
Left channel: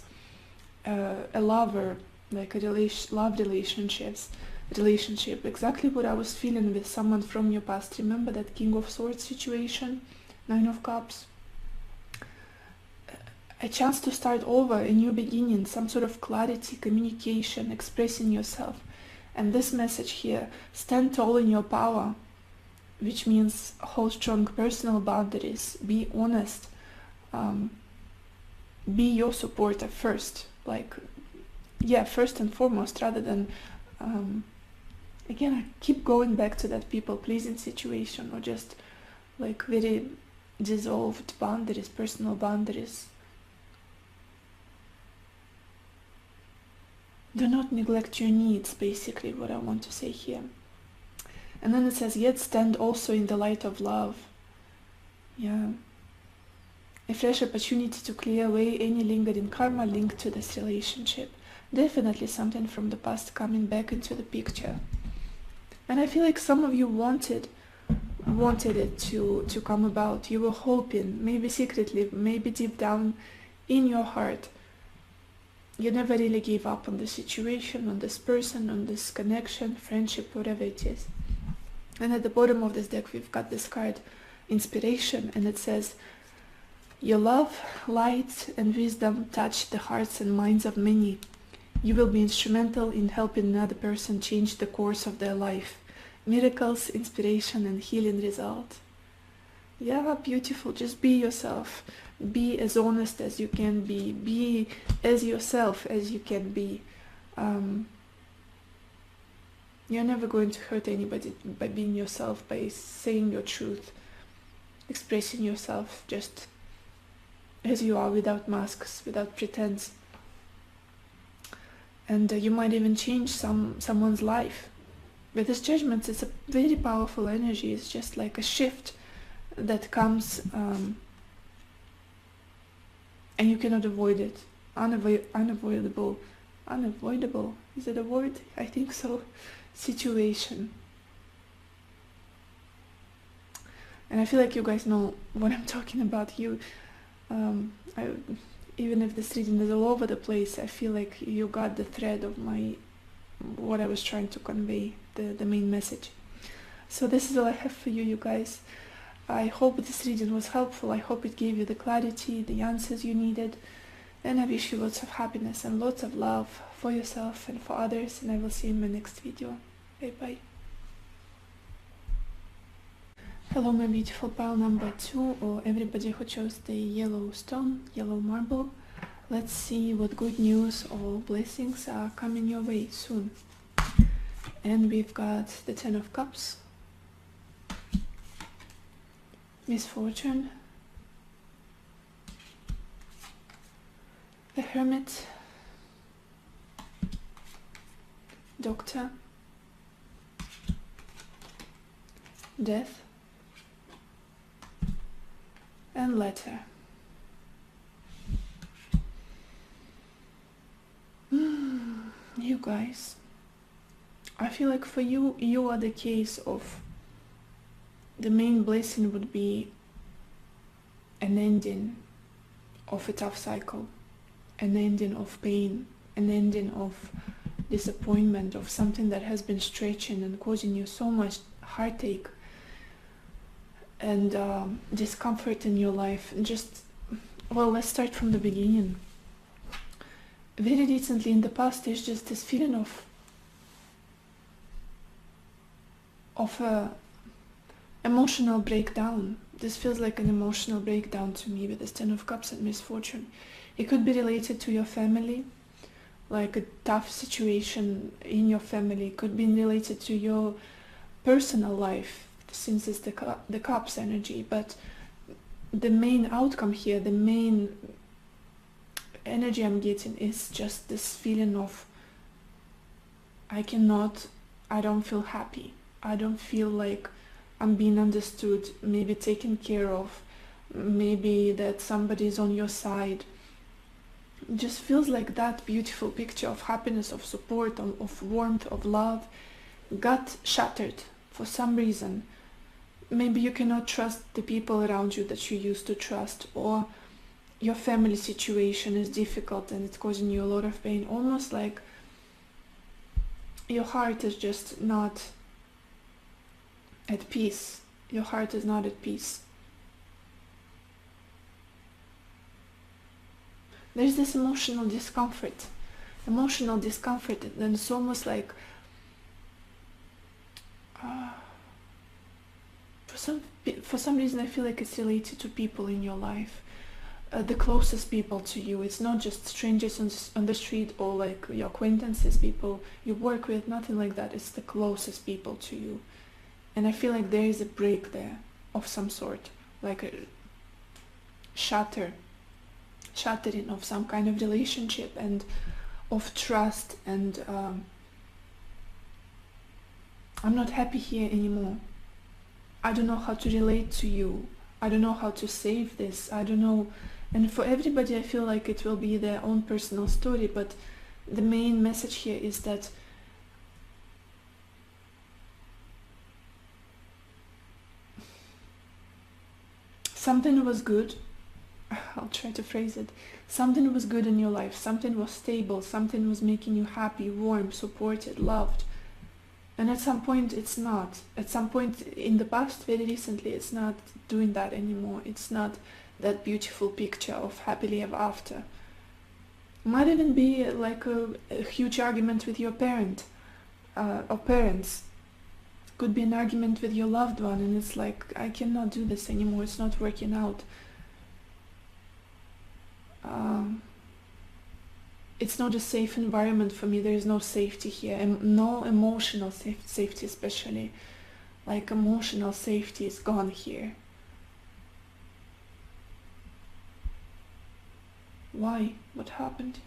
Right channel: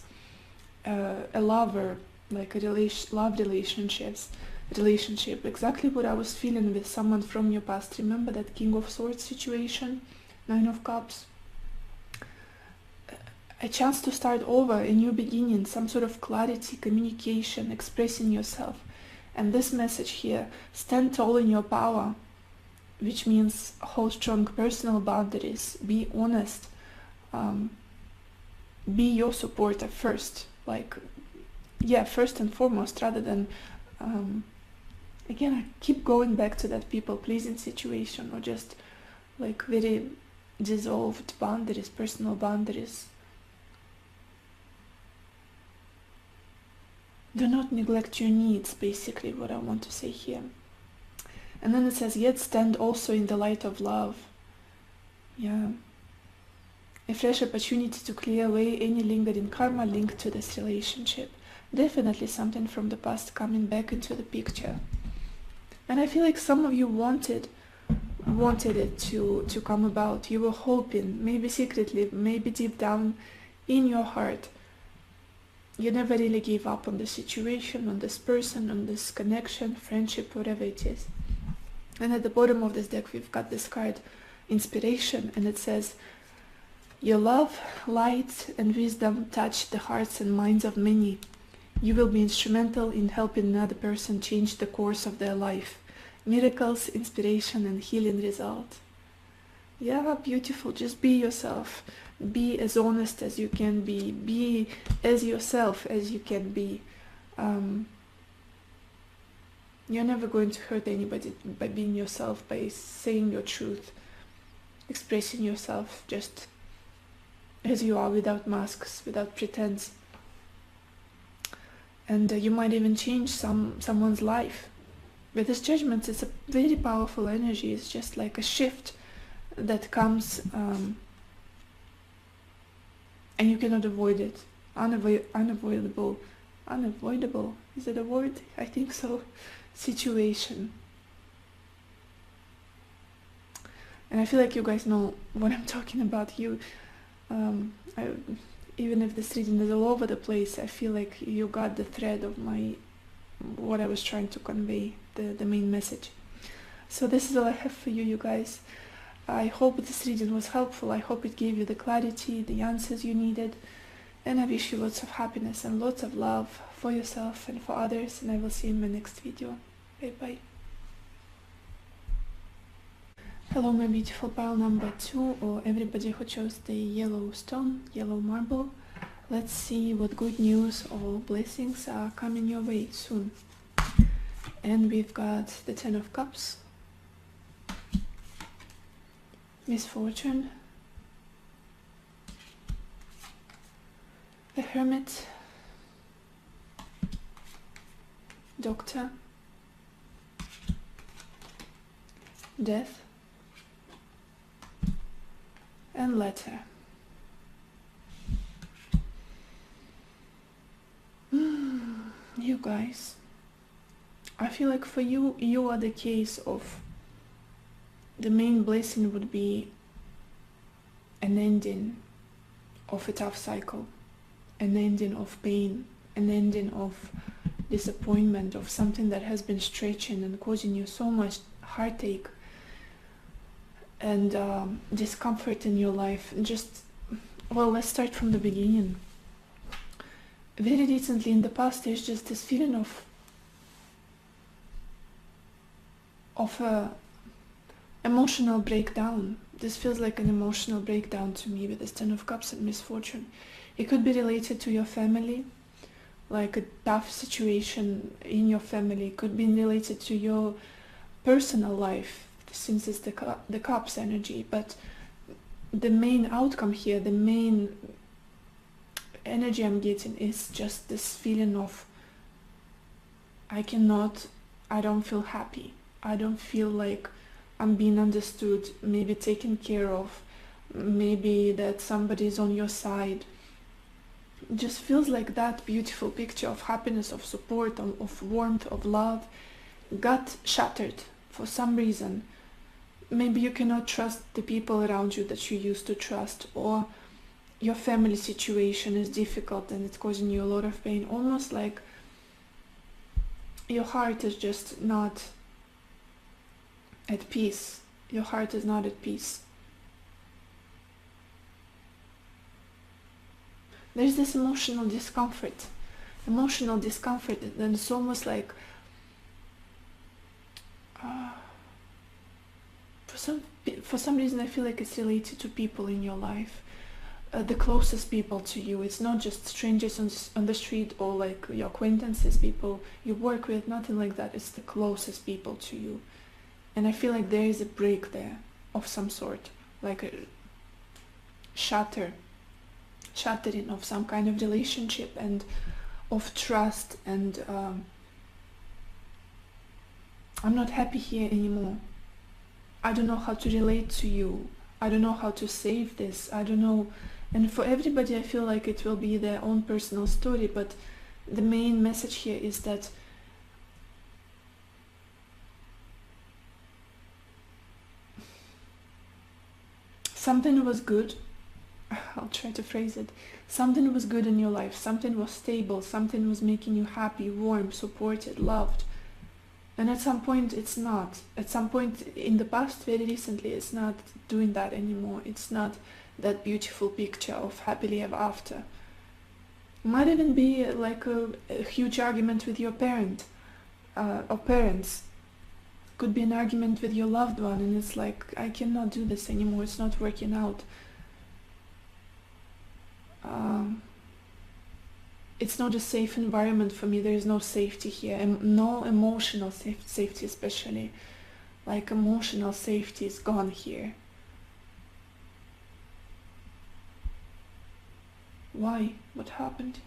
a lover, like a love relationship, exactly what I was feeling with someone from your past. Remember that King of Swords situation, Nine of Cups? A chance to start over, a new beginning, some sort of clarity, communication, expressing yourself. And this message here, stand tall in your power, which means hold strong personal boundaries, be honest, be your supporter first, first and foremost, rather than again, I keep going back to that people-pleasing situation, or just like very dissolved boundaries, personal boundaries. Do not neglect your needs, basically what I want to say here. And then it says, yet stand also in the light of love. Yeah. A fresh opportunity to clear away any lingering karma linked to this relationship. Definitely something from the past coming back into the picture. And I feel like some of you wanted it to come about. You were hoping, maybe secretly, maybe deep down in your heart. You never really gave up on the situation, on this person, on this connection, friendship, whatever it is. And at the bottom of this deck, we've got this card, Inspiration, and it says, your love, light, and wisdom touch the hearts and minds of many. You will be instrumental in helping another person change the course of their life. Miracles, inspiration, and healing result. Yeah, beautiful. Just be yourself. Be as honest as you can be. Be as yourself as you can be. You're never going to hurt anybody by being yourself, by saying your truth, expressing yourself just as you are, without masks, without pretense. And you might even change someone's life. With this Judgment, it's a very powerful energy. It's just like a shift that comes, and you cannot avoid it. Unavoidable, is that a word? I think so. Situation. And I feel like you guys know what I'm talking about. Even if this reading is all over the place, I feel like you got the thread of what I was trying to convey, the main message. So this is all I have for you guys. I hope this reading was helpful. I hope it gave you the clarity, the answers you needed. And I wish you lots of happiness and lots of love for yourself and for others. And I will see you in my next video. Bye bye. Hello, my beautiful pile number 2, or everybody who chose the yellow stone, yellow marble. Let's see what good news or blessings are coming your way soon. And we've got the Ten of Cups, Misfortune, the Hermit, Doctor, Death, and Letter. You guys, I feel like for you, you are the case of the main blessing would be an ending of a tough cycle, an ending of pain, an ending of disappointment, of something that has been stretching and causing you so much heartache and discomfort in your life. And well, let's start from the beginning. Very recently in the past, there's just this feeling of a emotional breakdown. This feels like an emotional breakdown to me with this Ten of Cups and Misfortune. It could be related to your family, like a tough situation in your family. It could be related to your personal life, since it's the Cups energy. But the main outcome here, the main energy I'm getting is just this feeling of I don't feel happy. I don't feel like I'm being understood, maybe taken care of, maybe that somebody's on your side. It just feels like that beautiful picture of happiness, of support, of warmth, of love got shattered for some reason. Maybe you cannot trust the people around you that you used to trust, or your family situation is difficult and it's causing you a lot of pain. Almost like your heart is just not at peace. Your heart is not at peace. There's this emotional discomfort, and then it's almost like for some reason I feel like it's related to people in your life, the closest people to you. It's not just strangers on the street or like your acquaintances, people you work with, nothing like that. It's the closest people to you, and I feel like there is a break there of some sort, like a shattering of some kind of relationship and of trust, and I'm not happy here anymore. I don't know how to relate to you. I don't know how to save this. I don't know. And for everybody, I feel like it will be their own personal story, but the main message here is that something was good. I'll try to phrase it. Something was good in your life. Something was stable. Something was making you happy, warm, supported, loved. And at some point it's not. At some point in the past, very recently, it's not doing that anymore. It's not that beautiful picture of happily ever after. It might even be like a huge argument with your parent or parents. Could be an argument with your loved one, and it's like, I cannot do this anymore. It's not working out. It's not a safe environment for me. There is no safety here, and no emotional safety, especially. Like emotional safety is gone here. Why? What happened?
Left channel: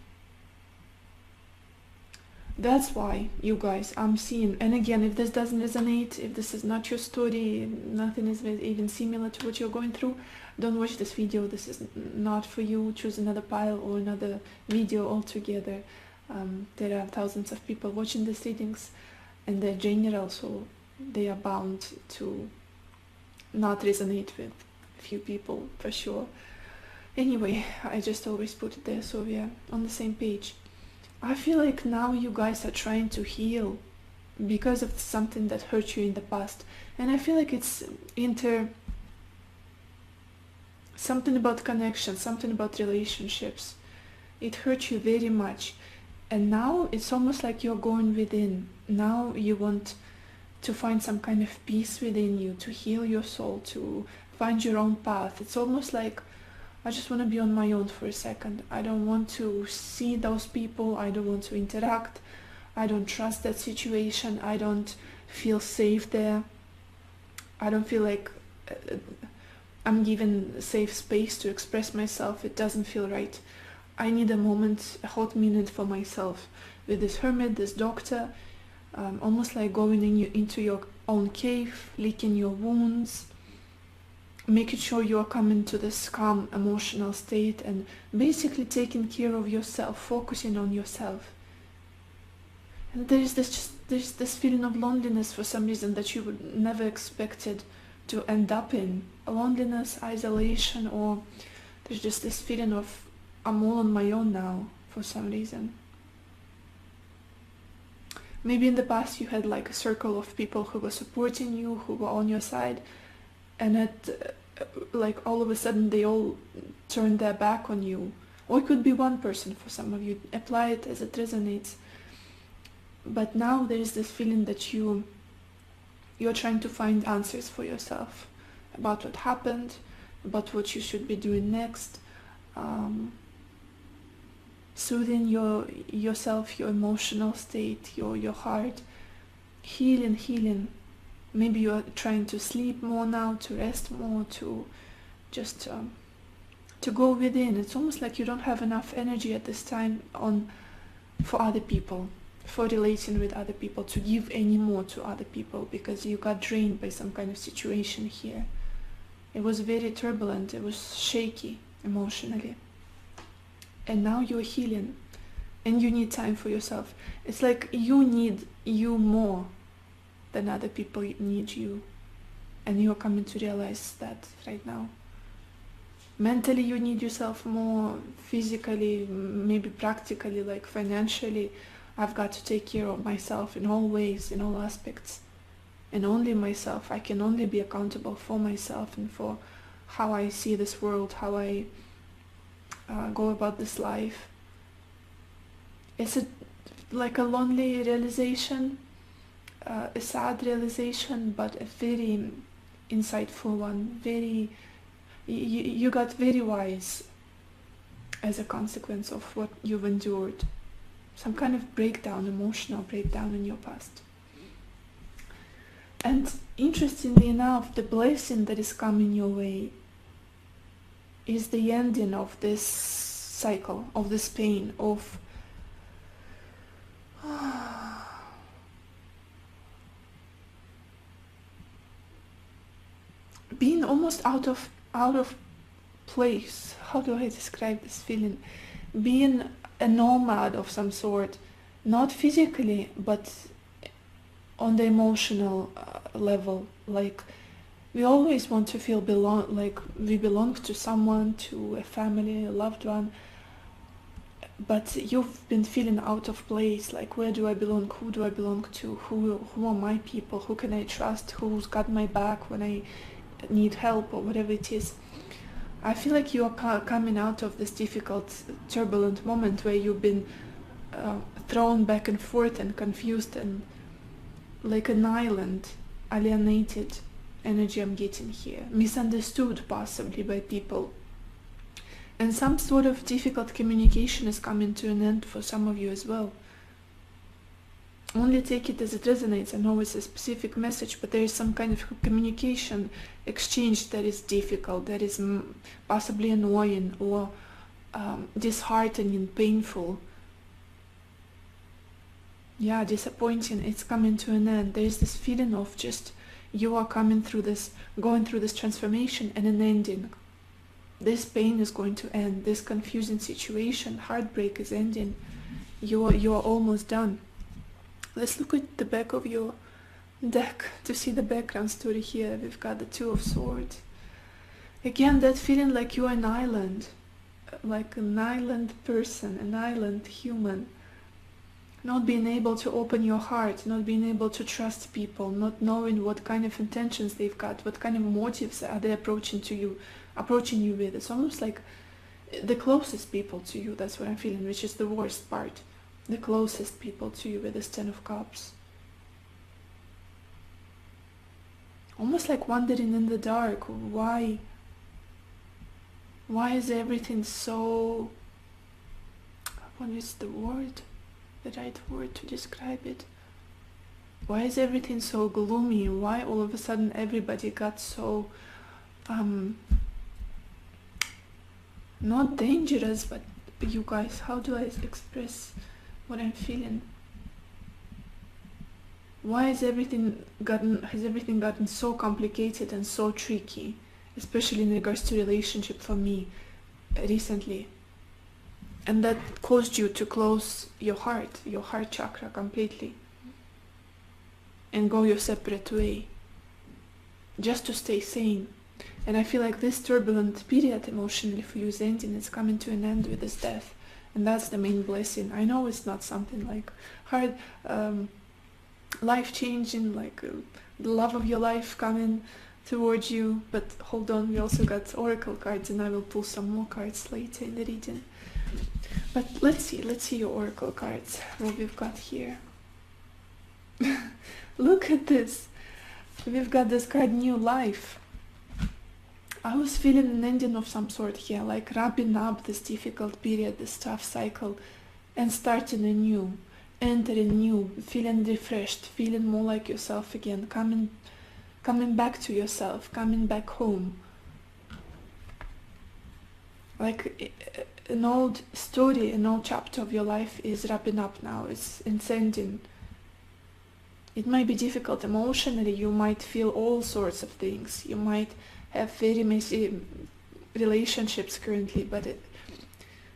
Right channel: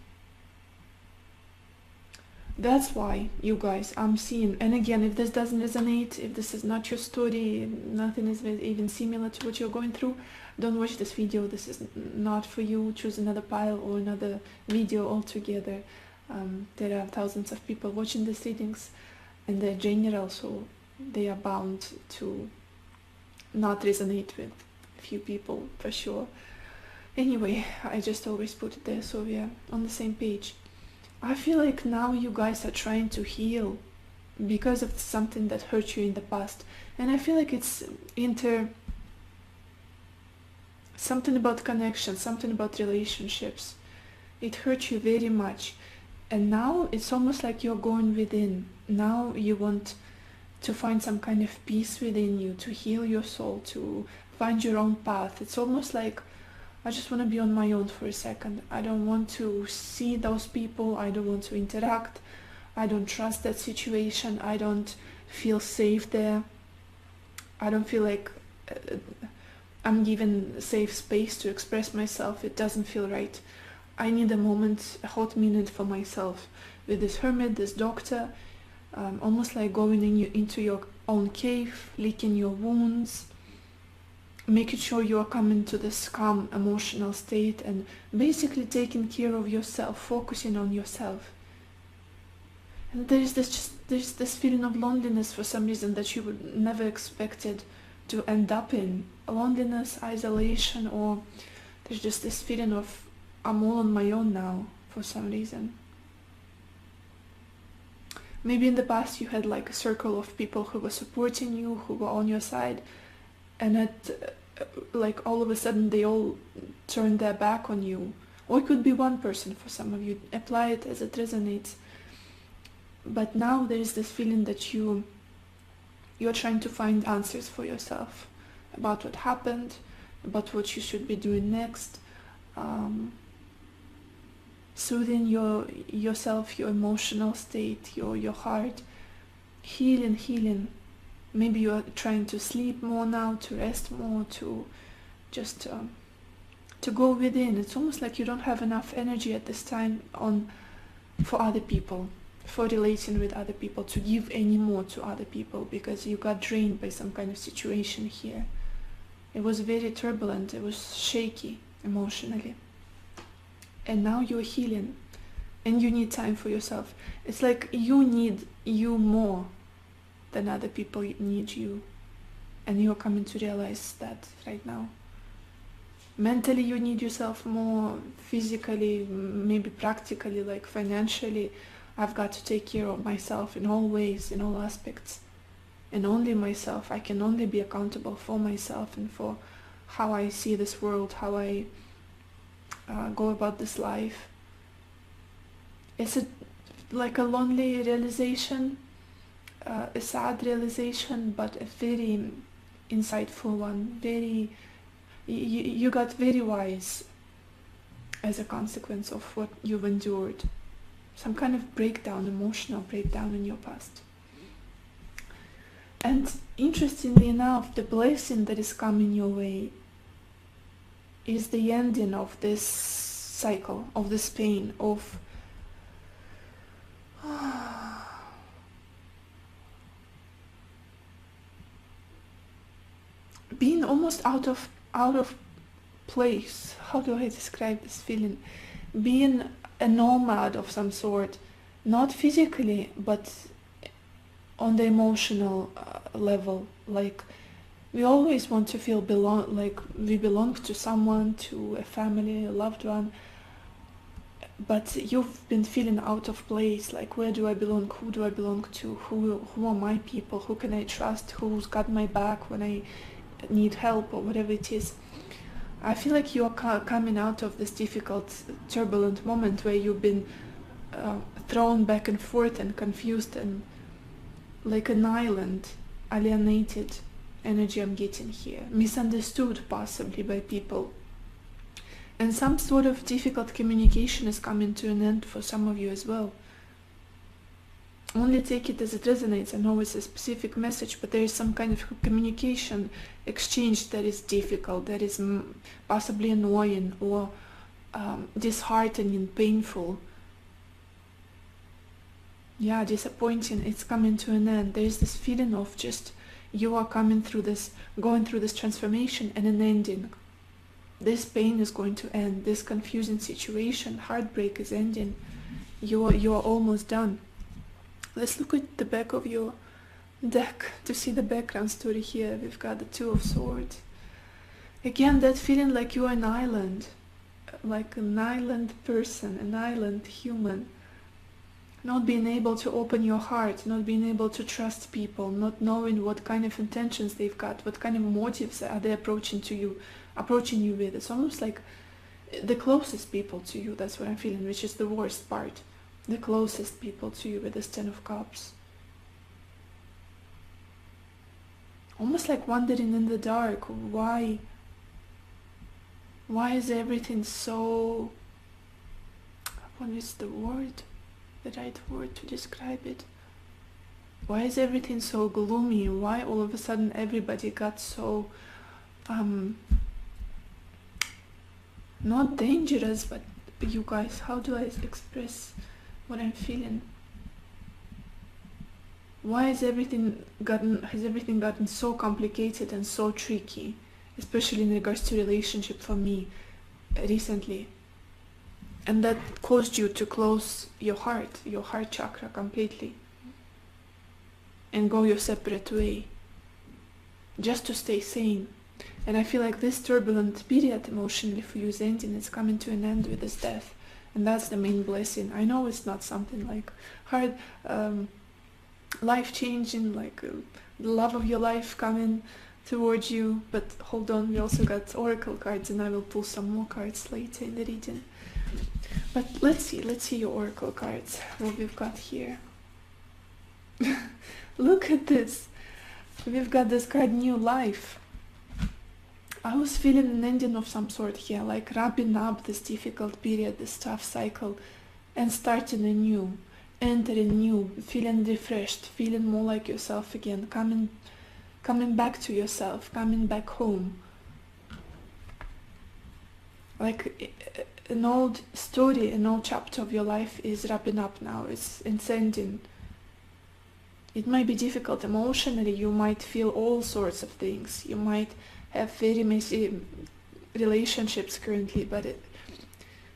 That's why, you guys, I'm seeing, and again, if this doesn't resonate, if this is not your story, nothing is even similar to what you're going through, don't watch this video. This is not for you. Choose another pile or another video altogether. There are thousands of people watching these readings, and they're general, so they are bound to not resonate with a few people for sure. Anyway, I just always put it there so we're on the same page. I feel like now you guys are trying to heal because of something that hurt you in the past, and I feel like it's something about connection, something about relationships. It hurt you very much, and now it's almost like you're going within. Now you want to find some kind of peace within you, to heal your soul, to find your own path. It's almost like, I just want to be on my own for a second. I don't want to see those people. I don't want to interact. I don't trust that situation. I don't feel safe there. I don't feel like I'm given a safe space to express myself. It doesn't feel right. I need a moment, a hot minute for myself with this hermit, this doctor, almost like going into your own cave, licking your wounds, making sure you're coming to this calm emotional state, and basically taking care of yourself, focusing on yourself. And there's this feeling of loneliness for some reason that you would never expected to end up in. Loneliness, isolation, or there's just this feeling of I'm all on my own now for some reason. Maybe in the past you had like a circle of people who were supporting you, who were on your side, and like all of a sudden they all turned their back on you. Or it could be one person for some of you. Apply it as it resonates. But now there is this feeling that you're trying to find answers for yourself about what happened, about what you should be doing next, soothing yourself, your emotional state, your heart, healing. Maybe you are trying to sleep more now, to rest more, to just to go within. It's almost like you don't have enough energy at this time for other people, for relating with other people, to give any more to other people, because you got drained by some kind of situation here. It was very turbulent, it was shaky emotionally. And now you're healing, and you need time for yourself. It's like you need you more than other people need you, and you're coming to realize that right now. Mentally you need yourself more, physically, maybe practically, like financially. I've got to take care of myself in all ways, in all aspects, and only myself. I can only be accountable for myself and for how I see this world, how I go about this life. It's like a lonely realization, a sad realization, but a very insightful one. You got very wise as a consequence of what you've endured. Some kind of breakdown, emotional breakdown in your past. And interestingly enough, the blessing that is coming your way is the ending of this cycle, of this pain, of being almost out of place. How do I describe this feeling? Being a nomad of some sort, not physically, but on the emotional level. Like, we always want to feel like we belong to someone, to a family, a loved one, but you've been feeling out of place. Like, where do I belong? Who do I belong to? Who are my people? Who can I trust? Who's got my back when I need help, or whatever it is? I feel like you're coming out of this difficult, turbulent moment where you've been thrown back and forth and confused, and like an island, alienated energy I'm getting here, misunderstood possibly by people. And some sort of difficult communication is coming to an end for some of you as well. Only take it as it resonates. I know it's a specific message, but there is some kind of communication exchange that is difficult, that is possibly annoying or disheartening, painful. Yeah, disappointing. It's coming to an end. There's this feeling of just you are going through this transformation and an ending. This pain is going to end. This confusing situation, heartbreak is ending. You are almost done. Let's look at the back of your deck to see the background story here. We've got the Two of Swords. Again, that feeling like you're an island, like an island person, an island human. Not being able to open your heart, not being able to trust people, not knowing what kind of intentions they've got, what kind of motives are they approaching you with. It's almost like the closest people to you, that's what I'm feeling, which is the worst part. The closest people to you with this Ten of Cups. Almost like wandering in the dark. Why is everything so... What is the right word to describe it? Why is everything so gloomy? Why all of a sudden everybody got so... not dangerous, but you guys, how do I express what I'm feeling? Why has everything gotten so complicated and so tricky, especially in regards to relationship for me recently? And that caused you to close your heart chakra completely, and go your separate way, just to stay sane. And I feel like this turbulent period emotionally for you is ending. It's coming to an end with this death. And that's the main blessing. I know it's not something like hard, life-changing, like the love of your life coming towards you. But hold on, we also got oracle cards, and I will pull some more cards later in the reading. But let's see your oracle cards, what we've got here. Look at this. We've got this card, New Life. I was feeling an ending of some sort here, like wrapping up this difficult period, this tough cycle, and starting anew, entering new, feeling refreshed, feeling more like yourself again, coming back to yourself, coming back home. like an old story, an old chapter of your life is wrapping up now, it's ending. It might be difficult emotionally, you might feel all sorts of things, you might have very messy relationships currently, but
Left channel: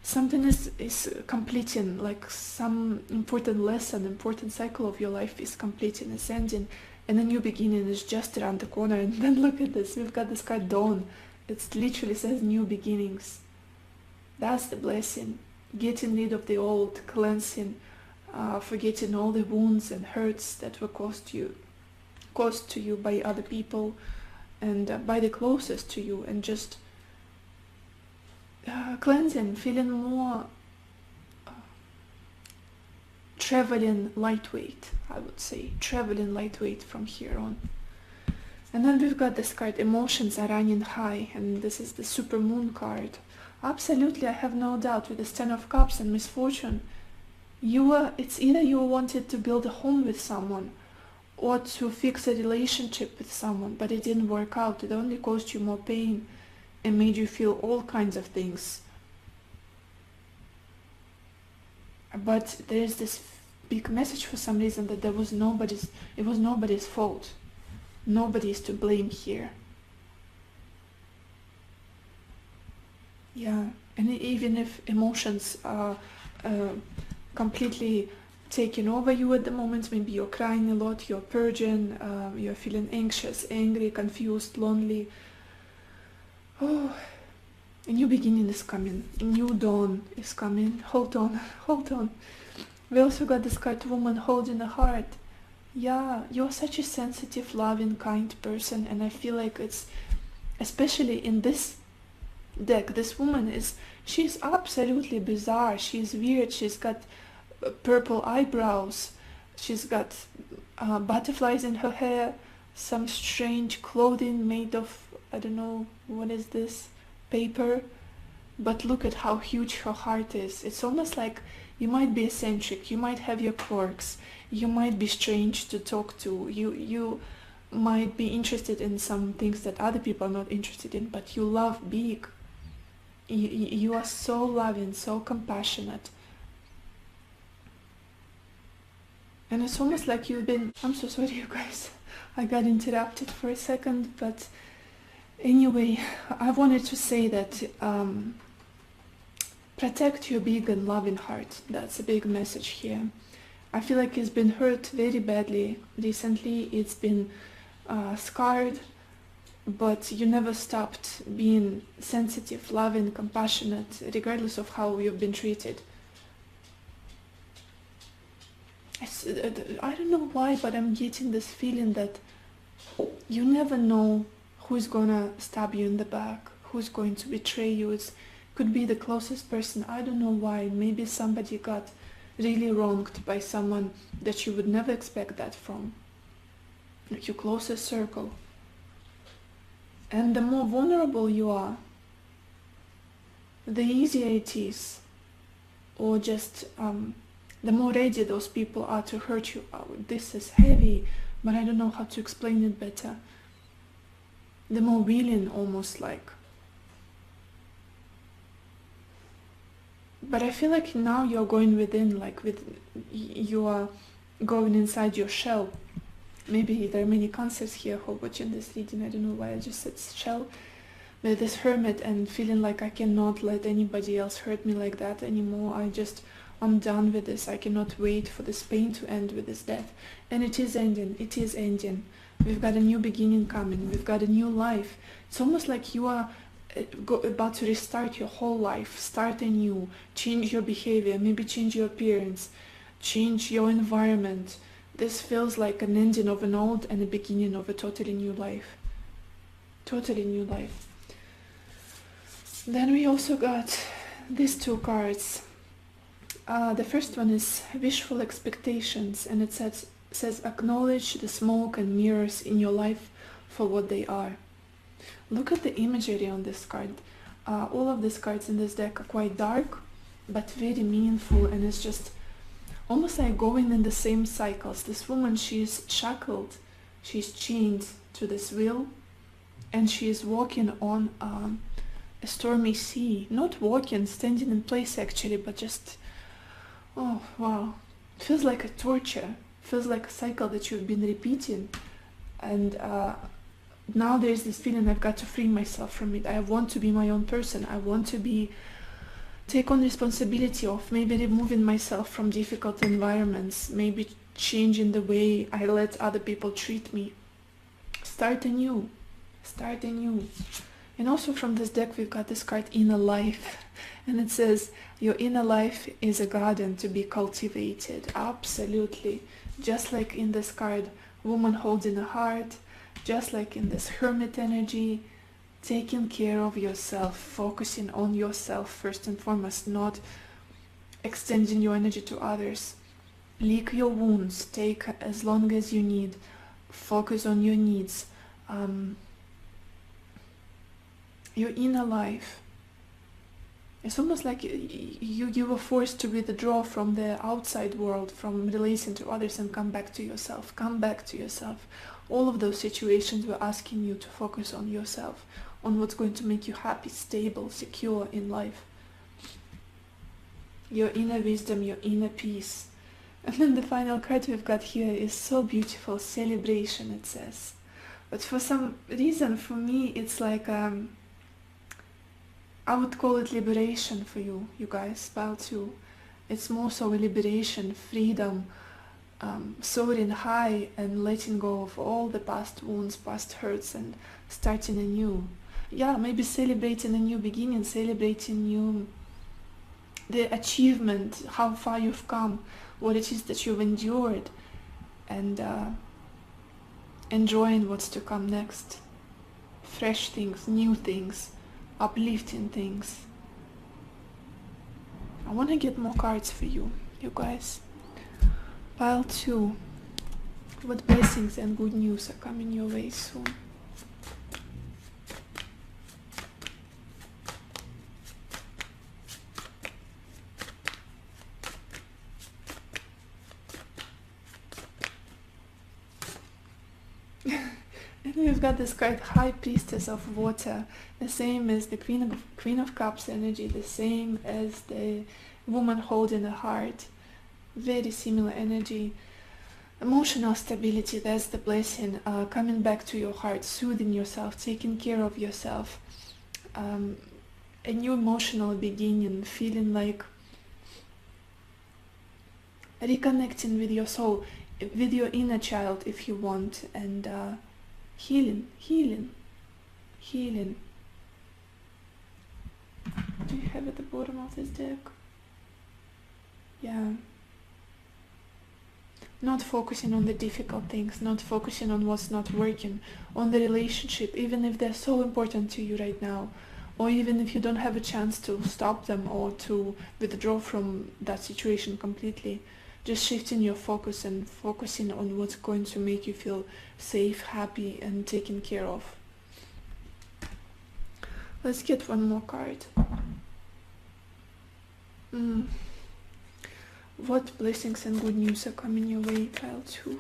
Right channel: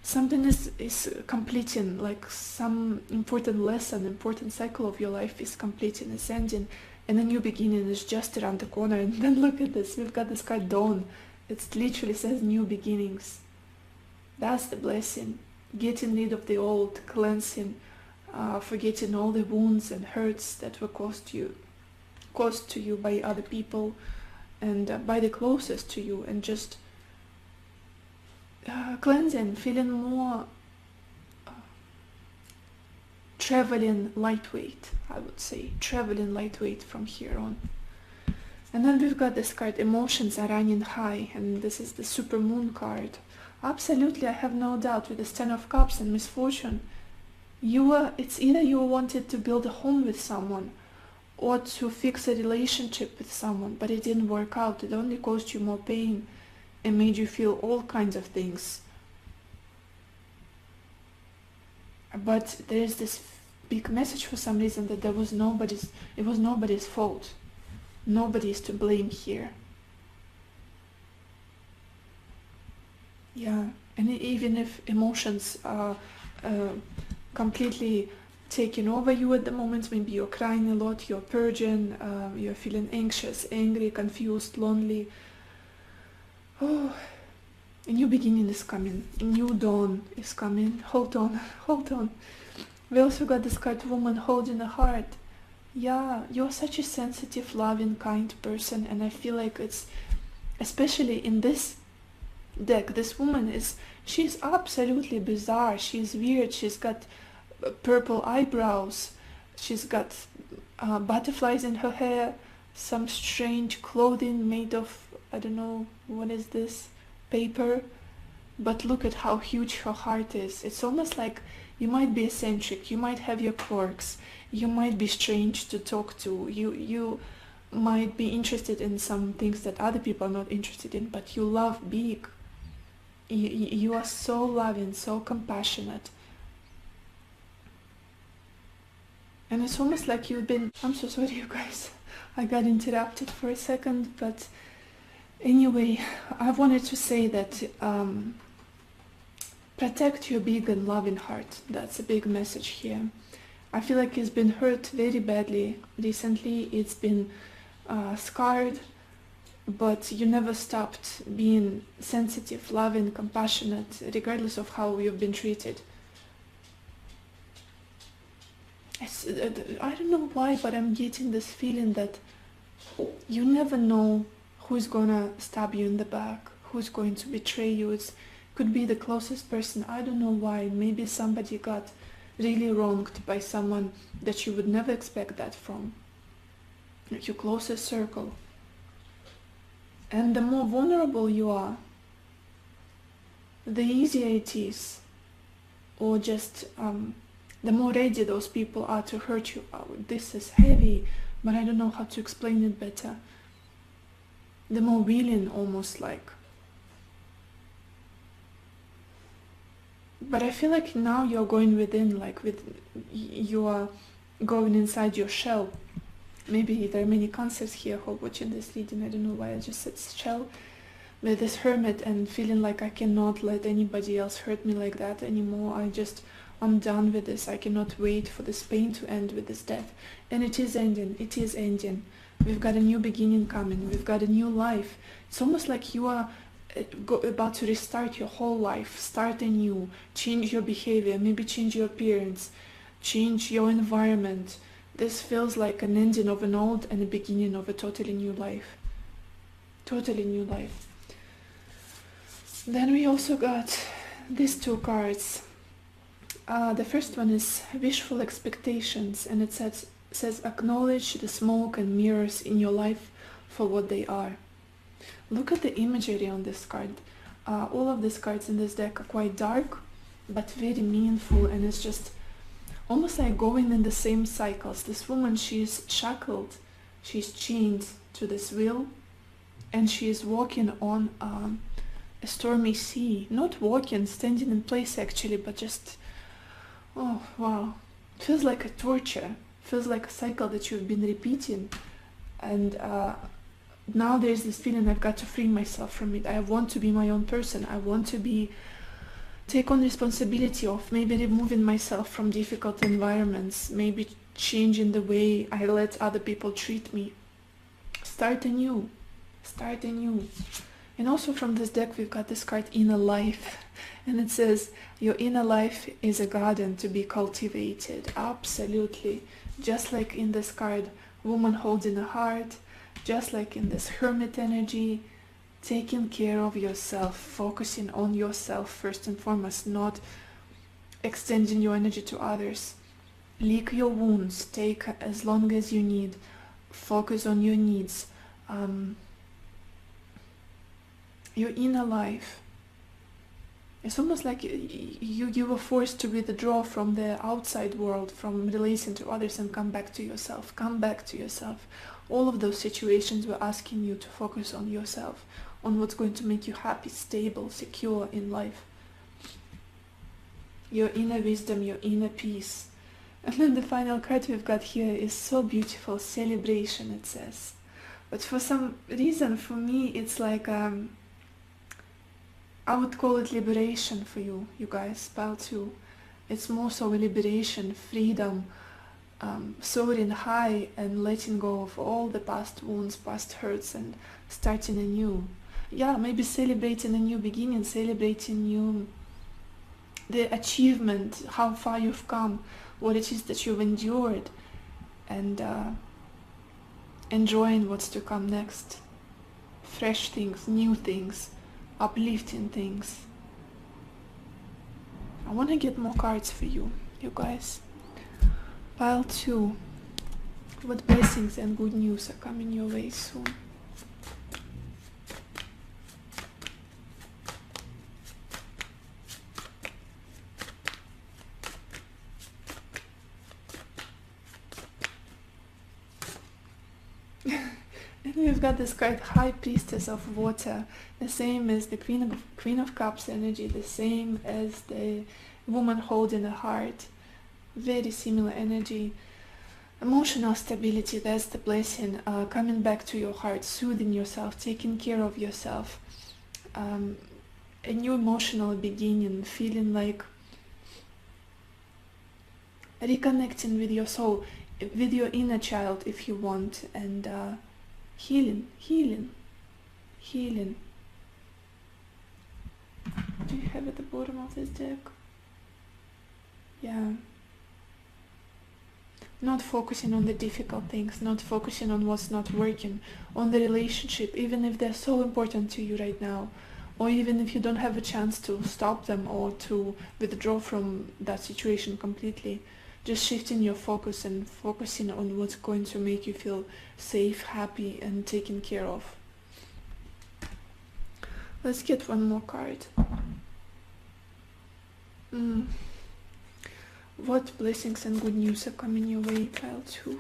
something is completing, like some important lesson, important cycle of your life is completing, is ending, and a new beginning is just around the corner. And then look at this, we've got this card Dawn. It literally says new beginnings. That's the blessing. Getting rid of the old, cleansing, forgetting all the wounds and hurts that were caused to you by other people and by the closest to you, and just cleansing, feeling more traveling lightweight, I would say, traveling lightweight from here on. And then we've got this card, emotions are running high, and this is the super moon card. Absolutely, I have no doubt, with this 10 of Cups and misfortune, it's either you wanted to build a home with someone or to fix a relationship with someone, but it didn't work out. It only caused you more pain and made you feel all kinds of things. But there's this big message for some reason that it was nobody's fault. Nobody's to blame here. Yeah, and even if emotions are completely taking over you at the moment, maybe you're crying a lot, you're purging, you're feeling anxious, angry, confused, lonely. Oh, a new beginning is coming, a new dawn is coming. Hold on, hold on. We also got this card, woman holding a heart. Yeah, you're such a sensitive, loving, kind person, and I feel like it's, especially in this deck, this woman she's absolutely bizarre, she's weird, she's got purple eyebrows, she's got butterflies in her hair, some strange clothing made of, I don't know, what is this, paper, but look at how huge her heart is. It's almost like you might be eccentric, you might have your quirks, you might be strange to talk to, you might be interested in some things that other people are not interested in, but you love big. You are so loving, so compassionate. And it's almost like you've been, I'm so sorry you guys, I got interrupted for a second, but anyway, I wanted to say that protect your big and loving heart. That's a big message here. I feel like it's been hurt very badly recently, it's been scarred, but you never stopped being sensitive, loving, compassionate, regardless of how you've been treated. I don't know why, but I'm getting this feeling that you never know who's gonna stab you in the back, who's going to betray you. It could be the closest person. I don't know why. Maybe somebody got really wronged by someone that you would never expect that from, like your closest circle. And the more vulnerable you are, the easier it is, or just the more ready those people are to hurt you. Oh, this is heavy, but I don't know how to explain it better. The more willing, almost like. But I feel like now you're going within, like you are going inside your shell. Maybe there are many concepts here who are watching this reading. I don't know why I just said shell. But this hermit, and feeling like I cannot let anybody else hurt me like that anymore. I'm done with this. I cannot wait for this pain to end with this death. And it is ending. It is ending. We've got a new beginning coming. We've got a new life. It's almost like you are about to restart your whole life. Start anew. Change your behavior. Maybe change your appearance. Change your environment. This feels like an ending of an old and the beginning of a totally new life. Totally new life. Then we also got these two cards. The first one is wishful expectations, and it says acknowledge the smoke and mirrors in your life for what they are. Look at the imagery on this card. All of these cards in this deck are quite dark, but very meaningful, and it's just almost like going in the same cycles. This woman, she's shackled, she's chained to this wheel, and she is walking on a stormy sea, not walking, standing in place actually, but just, oh wow, it feels like a torture, feels like a cycle that you've been repeating. And now there's this feeling I've got to free myself from it. I want to be my own person. I want to take on responsibility of maybe removing myself from difficult environments, maybe changing the way I let other people treat me. Start anew. And also from this deck we've got this card, Inner Life. And it says, your inner life is a garden to be cultivated. Absolutely. Just like in this card, woman holding a heart, just like in this hermit energy, taking care of yourself, focusing on yourself first and foremost, not extending your energy to others. Lick your wounds, take as long as you need, focus on your needs. Your inner life, it's almost like you were forced to withdraw from the outside world, from relation to others, and come back to yourself. All of those situations were asking you to focus on yourself, on what's going to make you happy, stable, secure in life. Your inner wisdom, your inner peace. And then the final card we've got here is so beautiful, celebration, it says. But for some reason, for me, it's like, I would call it liberation for you guys, pile 2. It's more so liberation, freedom, soaring high and letting go of all the past wounds, past hurts, and starting anew. Yeah, maybe celebrating a new beginning, celebrating the achievement, how far you've come, what it is that you've endured, and enjoying what's to come next. Fresh things, new things, uplifting things. I want to get more cards for you guys. Pile 2. What blessings and good news are coming your way soon? And we've got this card, High Priestess of Water, the same as the Queen of Cups energy, the same as the woman holding a heart. Very similar energy. Emotional stability, that's the blessing. Coming back to your heart, soothing yourself, taking care of yourself. A new emotional beginning, feeling like reconnecting with your soul, with your inner child if you want, and healing. Do you have at the bottom of this deck? Yeah. Not focusing on the difficult things, not focusing on what's not working, on the relationship, even if they're so important to you right now, or even if you don't have a chance to stop them or to withdraw from that situation completely. Just shifting your focus and focusing on what's going to make you feel safe, happy, and taken care of. Let's get one more card. What blessings and good news are coming your way, pile 2?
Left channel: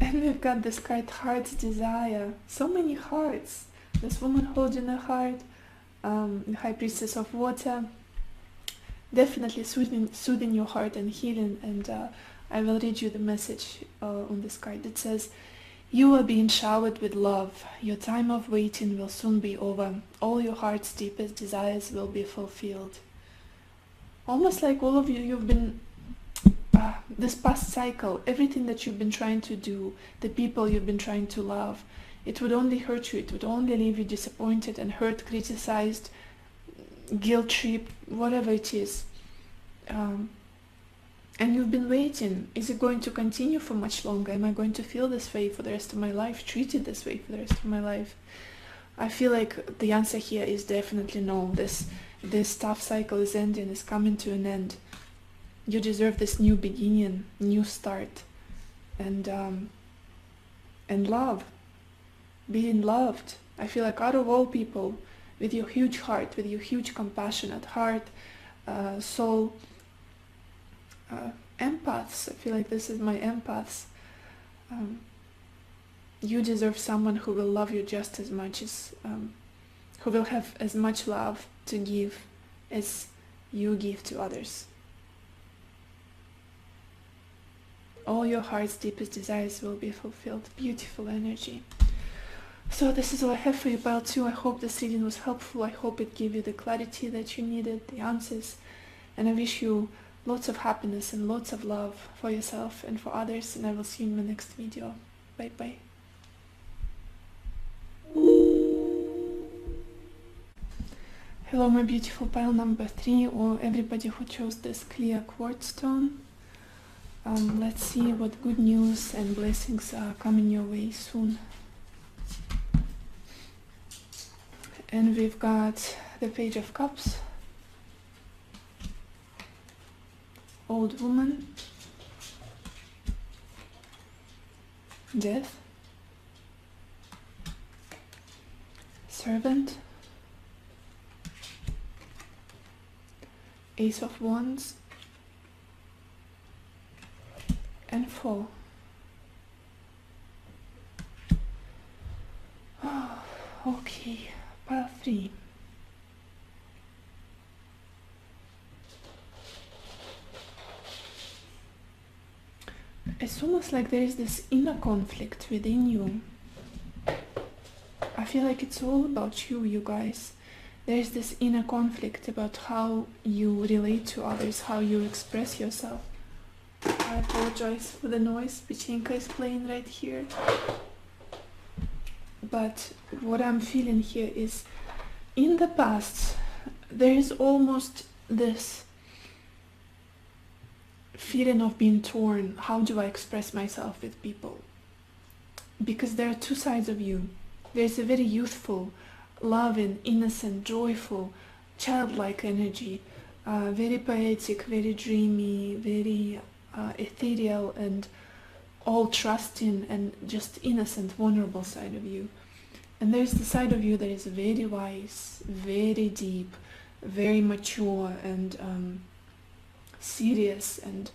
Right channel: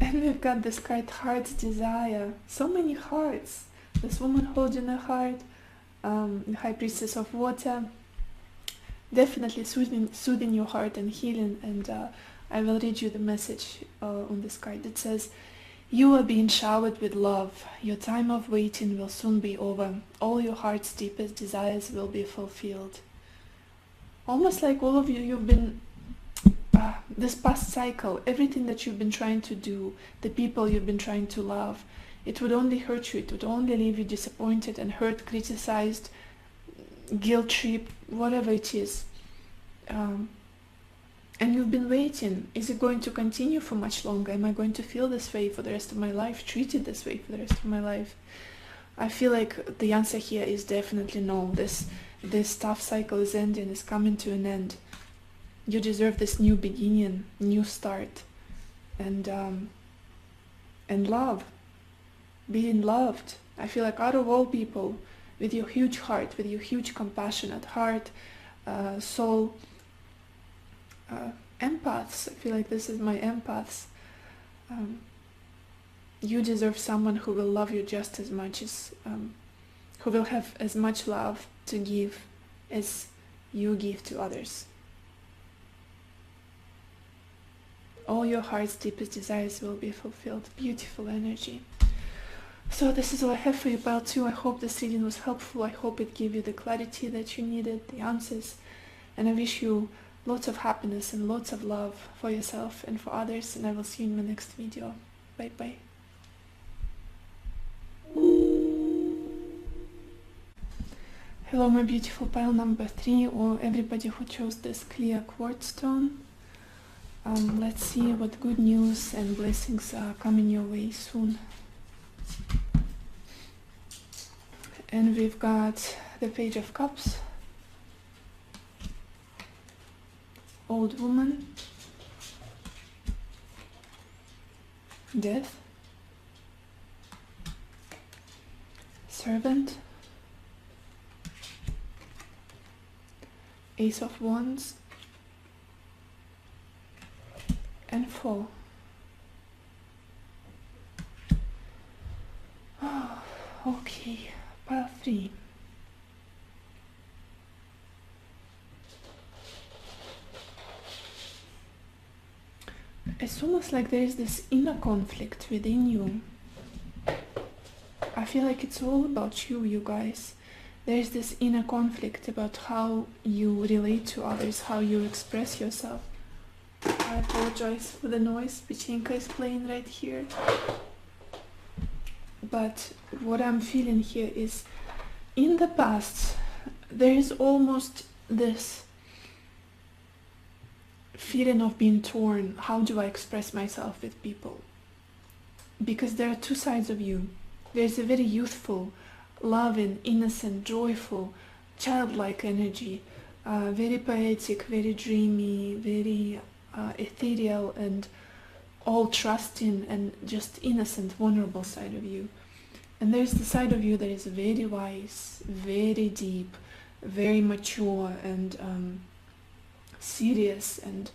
And we've got this card, Heart's Desire. So many hearts. This woman holding a heart, the High Priestess of Water. Definitely soothing your heart and healing. And I will read you the message on this card. It says, you are being showered with love. Your time of waiting will soon be over. All your heart's deepest desires will be fulfilled. Almost like all of you, you've been this past cycle, everything that you've been trying to do, the people you've been trying to love, it would only hurt you, it would only leave you disappointed and hurt, criticized, guilt trip, whatever it is. And you've been waiting. Is it going to continue for much longer? Am I going to feel this way for the rest of my life, treated this way for the rest of my life? I feel like the answer here is definitely no. This tough cycle is ending, is coming to an end. You deserve this new beginning, new start, and love, being loved. I feel like out of all people, with your huge heart, with your huge compassionate heart, soul. Empaths, I feel like this is my empaths. You deserve someone who will love you just as much as, who will have as much love to give as you give to others. All your heart's deepest desires will be fulfilled. Beautiful energy. So this is all I have for you, Pile 2. I hope this reading was helpful. I hope it gave you the clarity that you needed, the answers. And I wish you lots of happiness and lots of love for yourself and for others. And I will see you in the next video. Bye bye. Hello, my beautiful pile number 3, or everybody who chose this clear quartz stone. Let's see what good news and blessings are coming your way soon. And we've got the Page of Cups, Old Woman, Death, Servant, Ace of Wands, and Four. Okay, pile 3. It's almost like there is this inner conflict within you. I feel like it's all about you, you guys. There is this inner conflict about how you relate to others, how you express yourself. I apologize for the noise Pichinka is playing right here. But what I'm feeling here is, in the past, there is almost this feeling of being torn. How do I express myself with people? Because there are two sides of you. There's a very youthful, loving, innocent, joyful, childlike energy, very poetic, very dreamy, very ethereal, and all trusting and just innocent, vulnerable side of you. And there's the side of you that is very wise, very deep, very mature, and serious and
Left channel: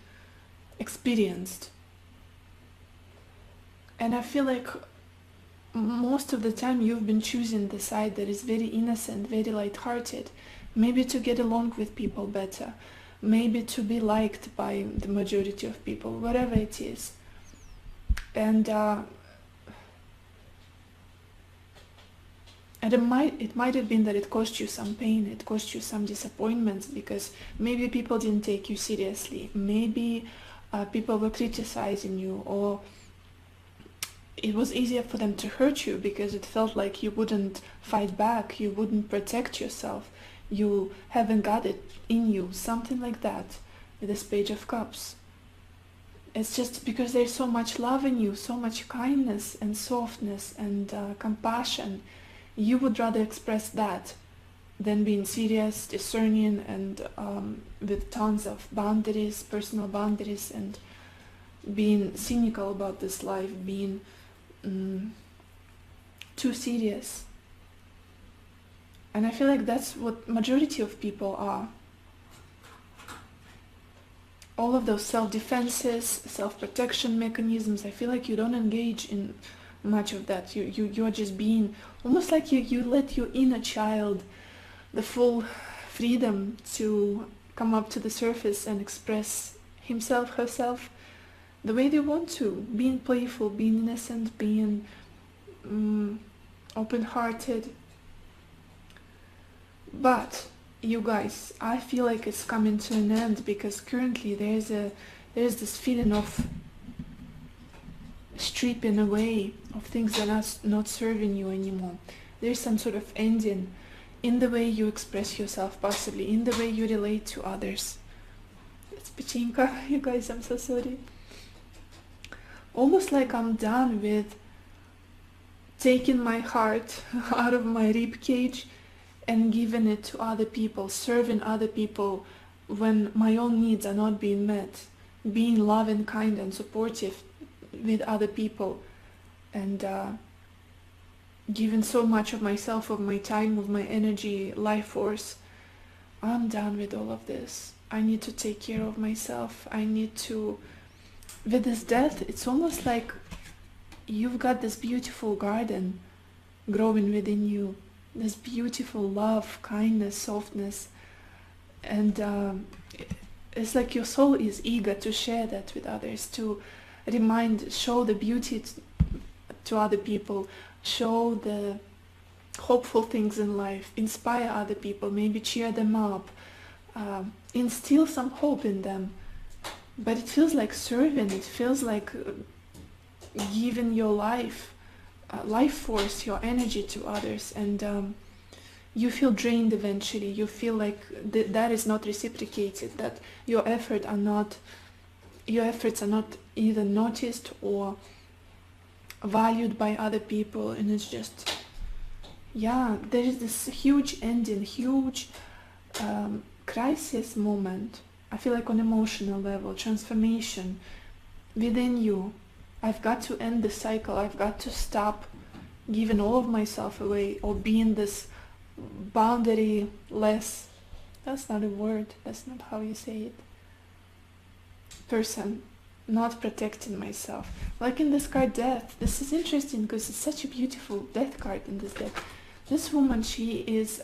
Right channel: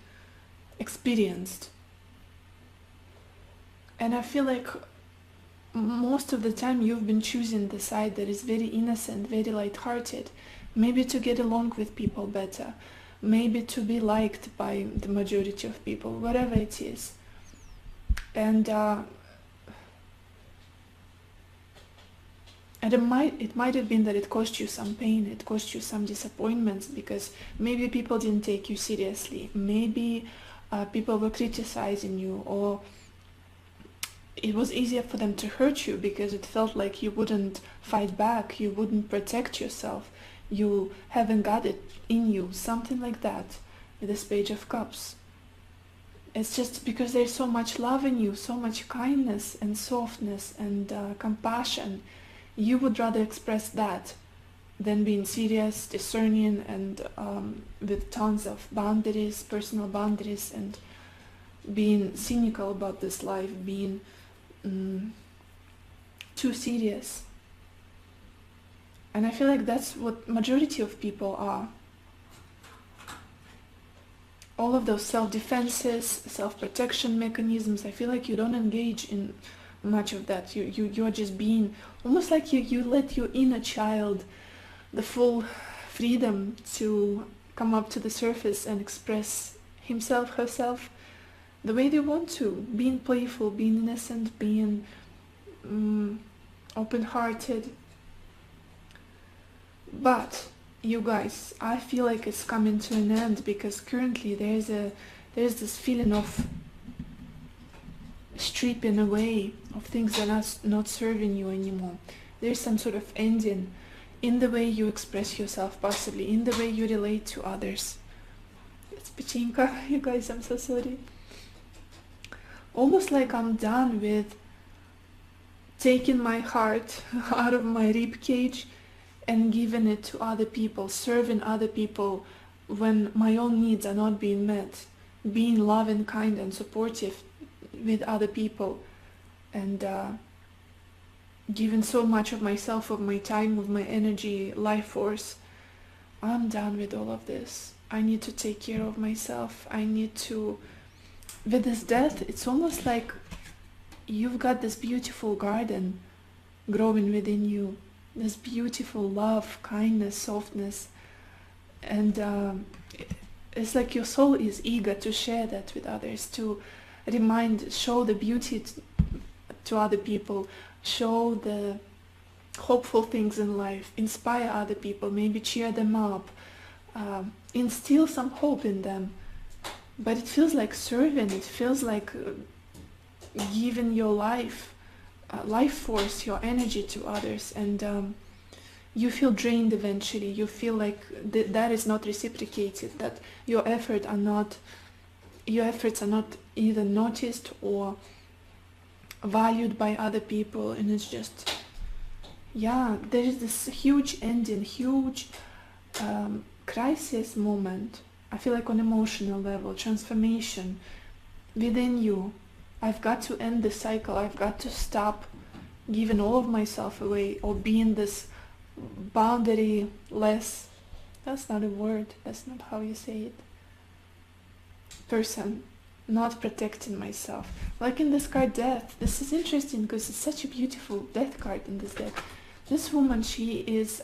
experienced. And I feel like most of the time you've been choosing the side that is very innocent, very light-hearted, maybe to get along with people better, maybe to be liked by the majority of people, whatever it is. And it might have been that it caused you some pain, it caused you some disappointments, because maybe people didn't take you seriously, maybe people were criticizing you, or it was easier for them to hurt you because it felt like you wouldn't fight back, you wouldn't protect yourself, you haven't got it in you, something like that, with this Page of Cups. It's just because there's so much love in you, so much kindness and softness and compassion. You would rather express that than being serious, discerning, and with tons of boundaries, personal boundaries, and being cynical about this life, being too serious. And I feel like that's what majority of people are. All of those self-defenses, self-protection mechanisms, I feel like you don't engage in much of that. You're just being, almost like you let your inner child the full freedom to come up to the surface and express himself, herself, the way they want to, being playful, being innocent, being open-hearted. But you guys, I feel like it's coming to an end, because currently there's this feeling of stripping away of things that are not serving you anymore. There's some sort of ending in the way you express yourself, possibly in the way you relate to others. It's Pachinka, you guys, I'm so sorry. Almost like I'm done with taking my heart out of my rib cage and giving it to other people, serving other people when my own needs are not being met, being loving, kind, and supportive with other people. And given so much of myself, of my time, of my energy, life force. I'm done with all of this. I need to take care of myself. I need to... With this death, it's almost like you've got this beautiful garden growing within you. This beautiful love, kindness, softness. And it's like your soul is eager to share that with others, to show the beauty to other people, show the hopeful things in life, inspire other people, maybe cheer them up, instill some hope in them. But it feels like serving, it feels like giving your life force, your energy to others, and you feel drained eventually. You feel like that is not reciprocated, that your efforts are not either noticed or valued by other people, and it's just, yeah, there is this huge ending, huge crisis moment. I feel like on emotional level, transformation within you. I've got to end the cycle. I've got to stop giving all of myself away, or being this boundaryless, that's not a word, that's not how you say it, person, not protecting myself. Like in this card, death. This is interesting because it's such a beautiful death card in this deck. This woman, she is,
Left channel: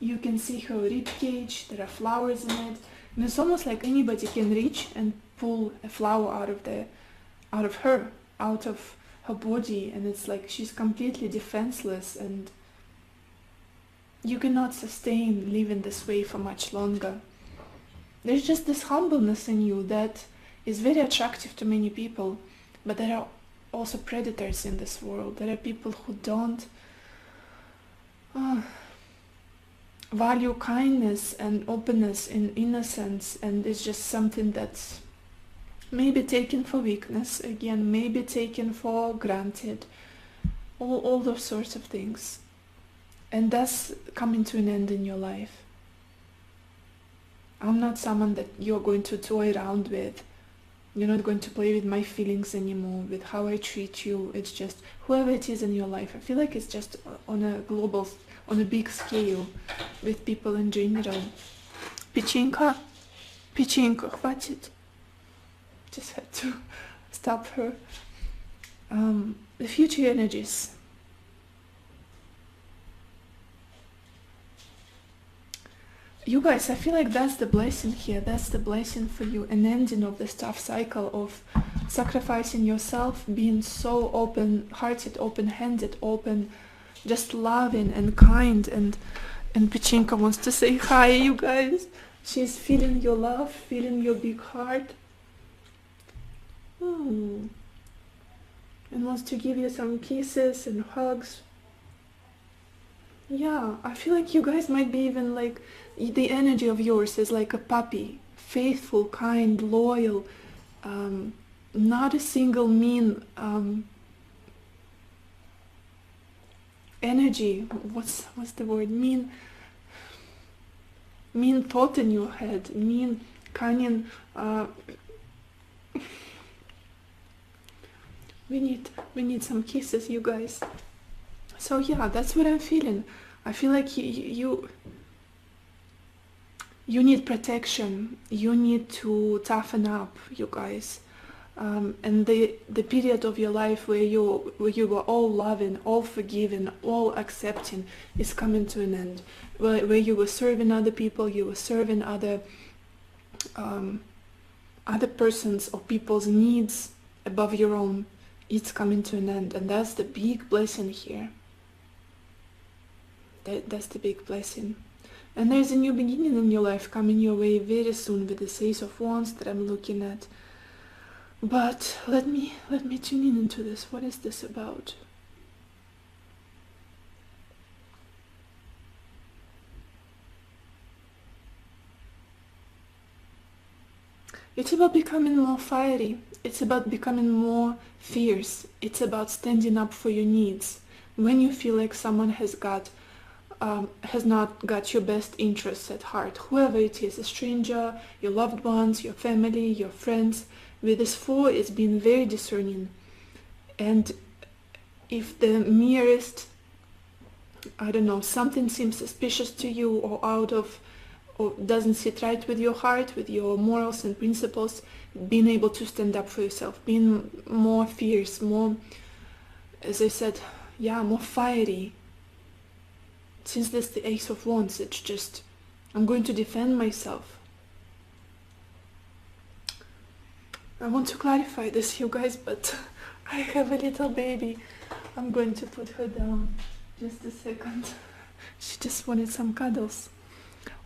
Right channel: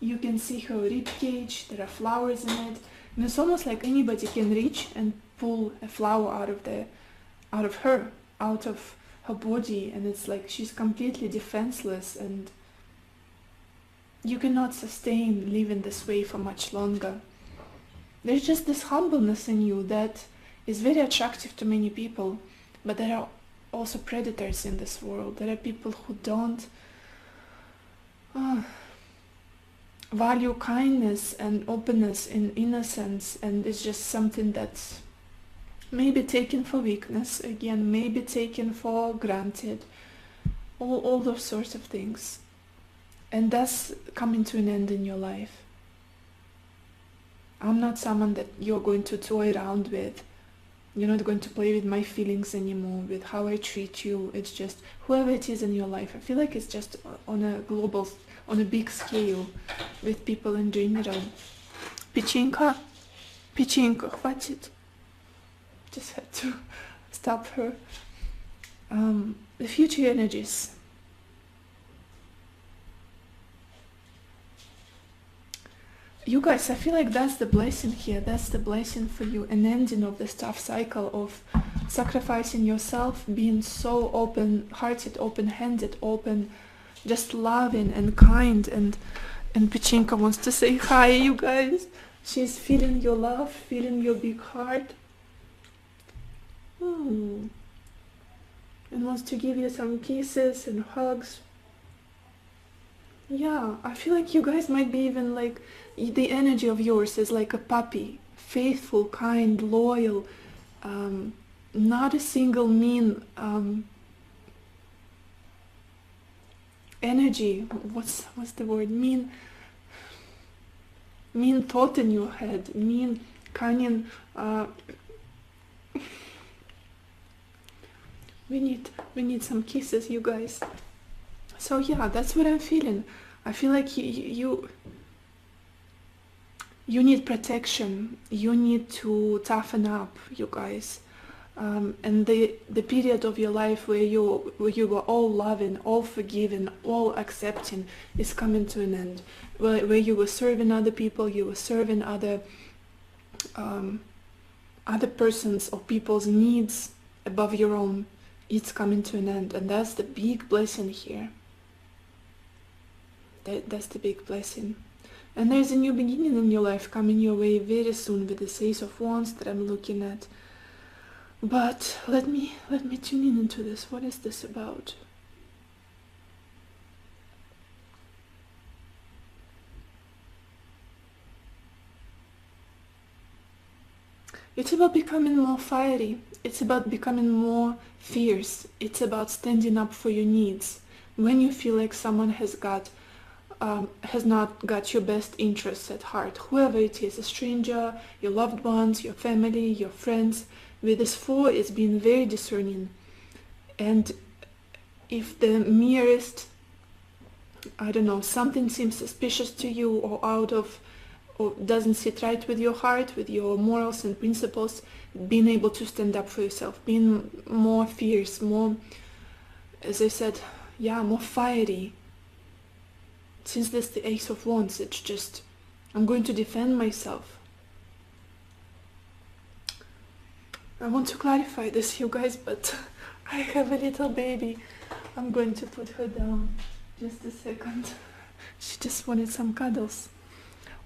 you can see her rib cage, there are flowers in it, and it's almost like anybody can reach and pull a flower out of her body, and it's like she's completely defenseless, and you cannot sustain living this way for much longer. There's just this humbleness in you that is very attractive to many people, but there are also predators in this world. There are people who don't value kindness and openness in innocence, and it's just something that's maybe taken for weakness, again, maybe taken for granted, all those sorts of things. And that's coming to an end in your life. I'm not someone that you're going to toy around with. You're not going to play with my feelings anymore, with how I treat you. It's just whoever it is in your life. I feel like it's just on a big scale, with people in general. Pechenka, хватит. Just had to stop her. The future energies. You guys, I feel like that's the blessing here. That's the blessing for you. An ending of this tough cycle of sacrificing yourself, being so open-hearted, open-handed, just loving and kind. And Pechenka wants to say hi, you guys. She's feeling your love, feeling your big heart. And wants to give you some kisses and hugs. Yeah, I feel like you guys might be even like, the energy of yours is like a puppy, faithful, kind, loyal, not a single mean energy. What's the word? Mean thought in your head, mean cunning. We need some kisses, you guys. So yeah, that's what I'm feeling. I feel like you need protection. You need to toughen up, you guys. And the period of your life where you were all loving, all forgiving, all accepting is coming to an end. Where you were serving other people, you were serving other persons or people's needs above your own. It's coming to an end, and that's the big blessing here. That's the big blessing. And there's a new beginning in your life coming your way very soon with this Ace of Wands that I'm looking at. But let me tune in into this. What is this about? It's about becoming more fiery. It's about becoming more fierce. It's about standing up for your needs. When you feel like someone has not got your best interests at heart, whoever it is, a stranger, your loved ones, your family, your friends, with this 4 is being very discerning. And if the merest, I don't know, something seems suspicious to you or out of, or doesn't sit right with your heart, with your morals and principles, being able to stand up for yourself, being more fierce, more, as I said, yeah, more fiery. Since there's the Ace of Wands, it's just, I'm going to defend myself. I want to clarify this, you guys, but I have a little baby. I'm going to put her down. Just a second. She just wanted some cuddles.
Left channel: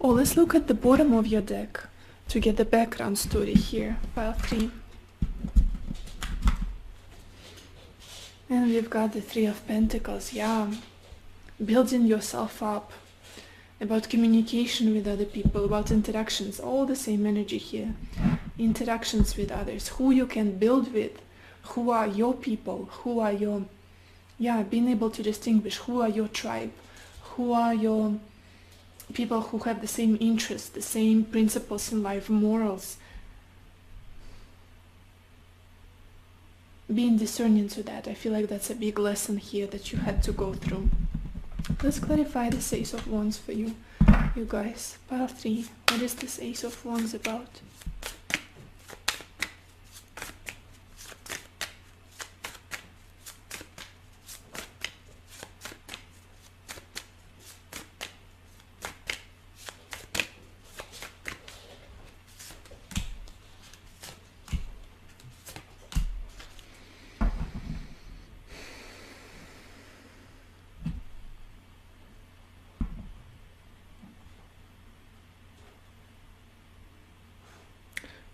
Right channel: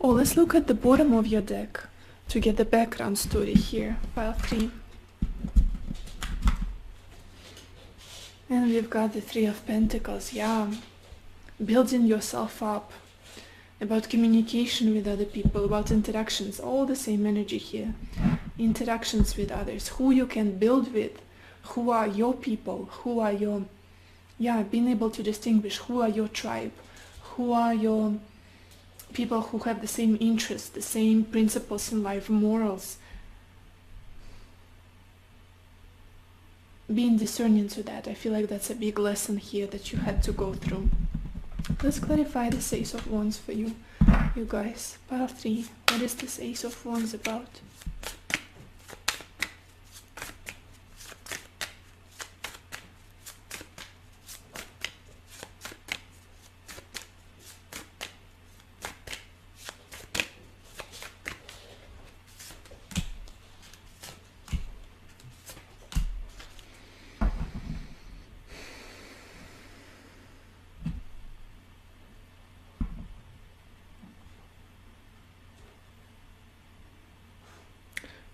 Oh, let's look at the bottom of your deck to get the background story here. Pile 3. And we've got the Three of Pentacles. Yeah. Building yourself up. About communication with other people, about interactions. All the same energy here. Interactions with others. Who you can build with. Who are your people. Who are your... Yeah, being able to distinguish who are your tribe. Who are your people who have the same interests, the same principles in life, morals. Being discerning to that, I feel like that's a big lesson here that you had to go through. Let's clarify this Ace of Wands for you, you guys. Pile 3, what is this Ace of Wands about?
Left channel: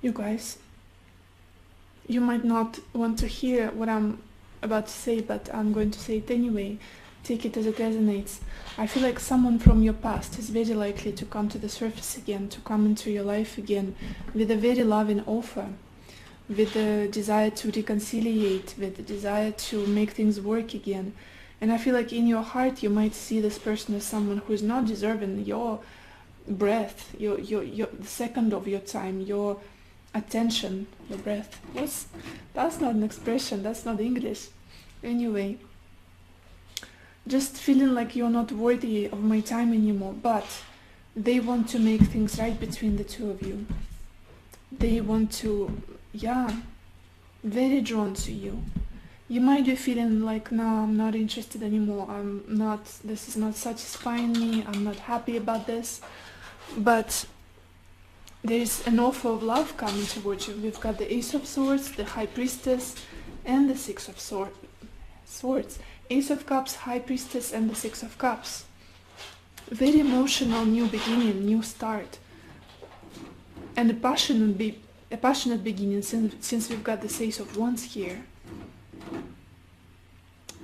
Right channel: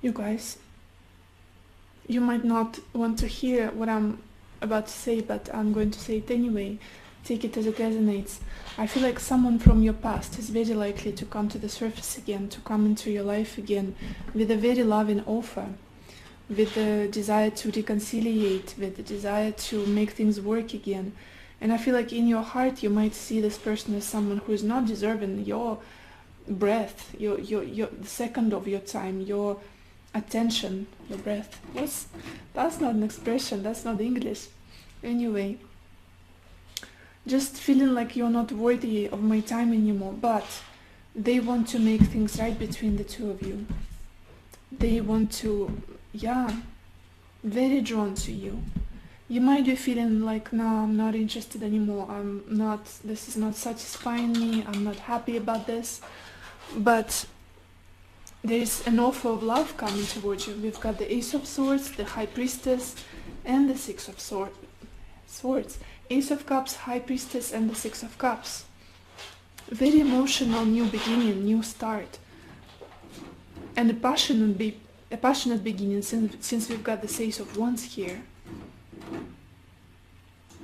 You guys, you might not want to hear what I'm about to say, but I'm going to say it anyway. Take it as it resonates. I feel like someone from your past is very likely to come to the surface again, to come into your life again with a very loving offer, with the desire to reconciliate, with the desire to make things work again. And I feel like in your heart you might see this person as someone who is not deserving your breath, the second of your time, your attention, your breath. That's not an expression, that's not English. Anyway, just feeling like you're not worthy of my time anymore, but they want to make things right between the two of you. They want to, yeah, very drawn to you. You might be feeling like, no, I'm not interested anymore, this is not satisfying me, I'm not happy about this, but there's an offer of love coming towards you. We've got the Ace of Swords, the High Priestess, and the Six of Swords. Ace of Cups, High Priestess, and the Six of Cups. Very emotional, new beginning, new start. And a passionate beginning, since we've got the Ace of Wands here.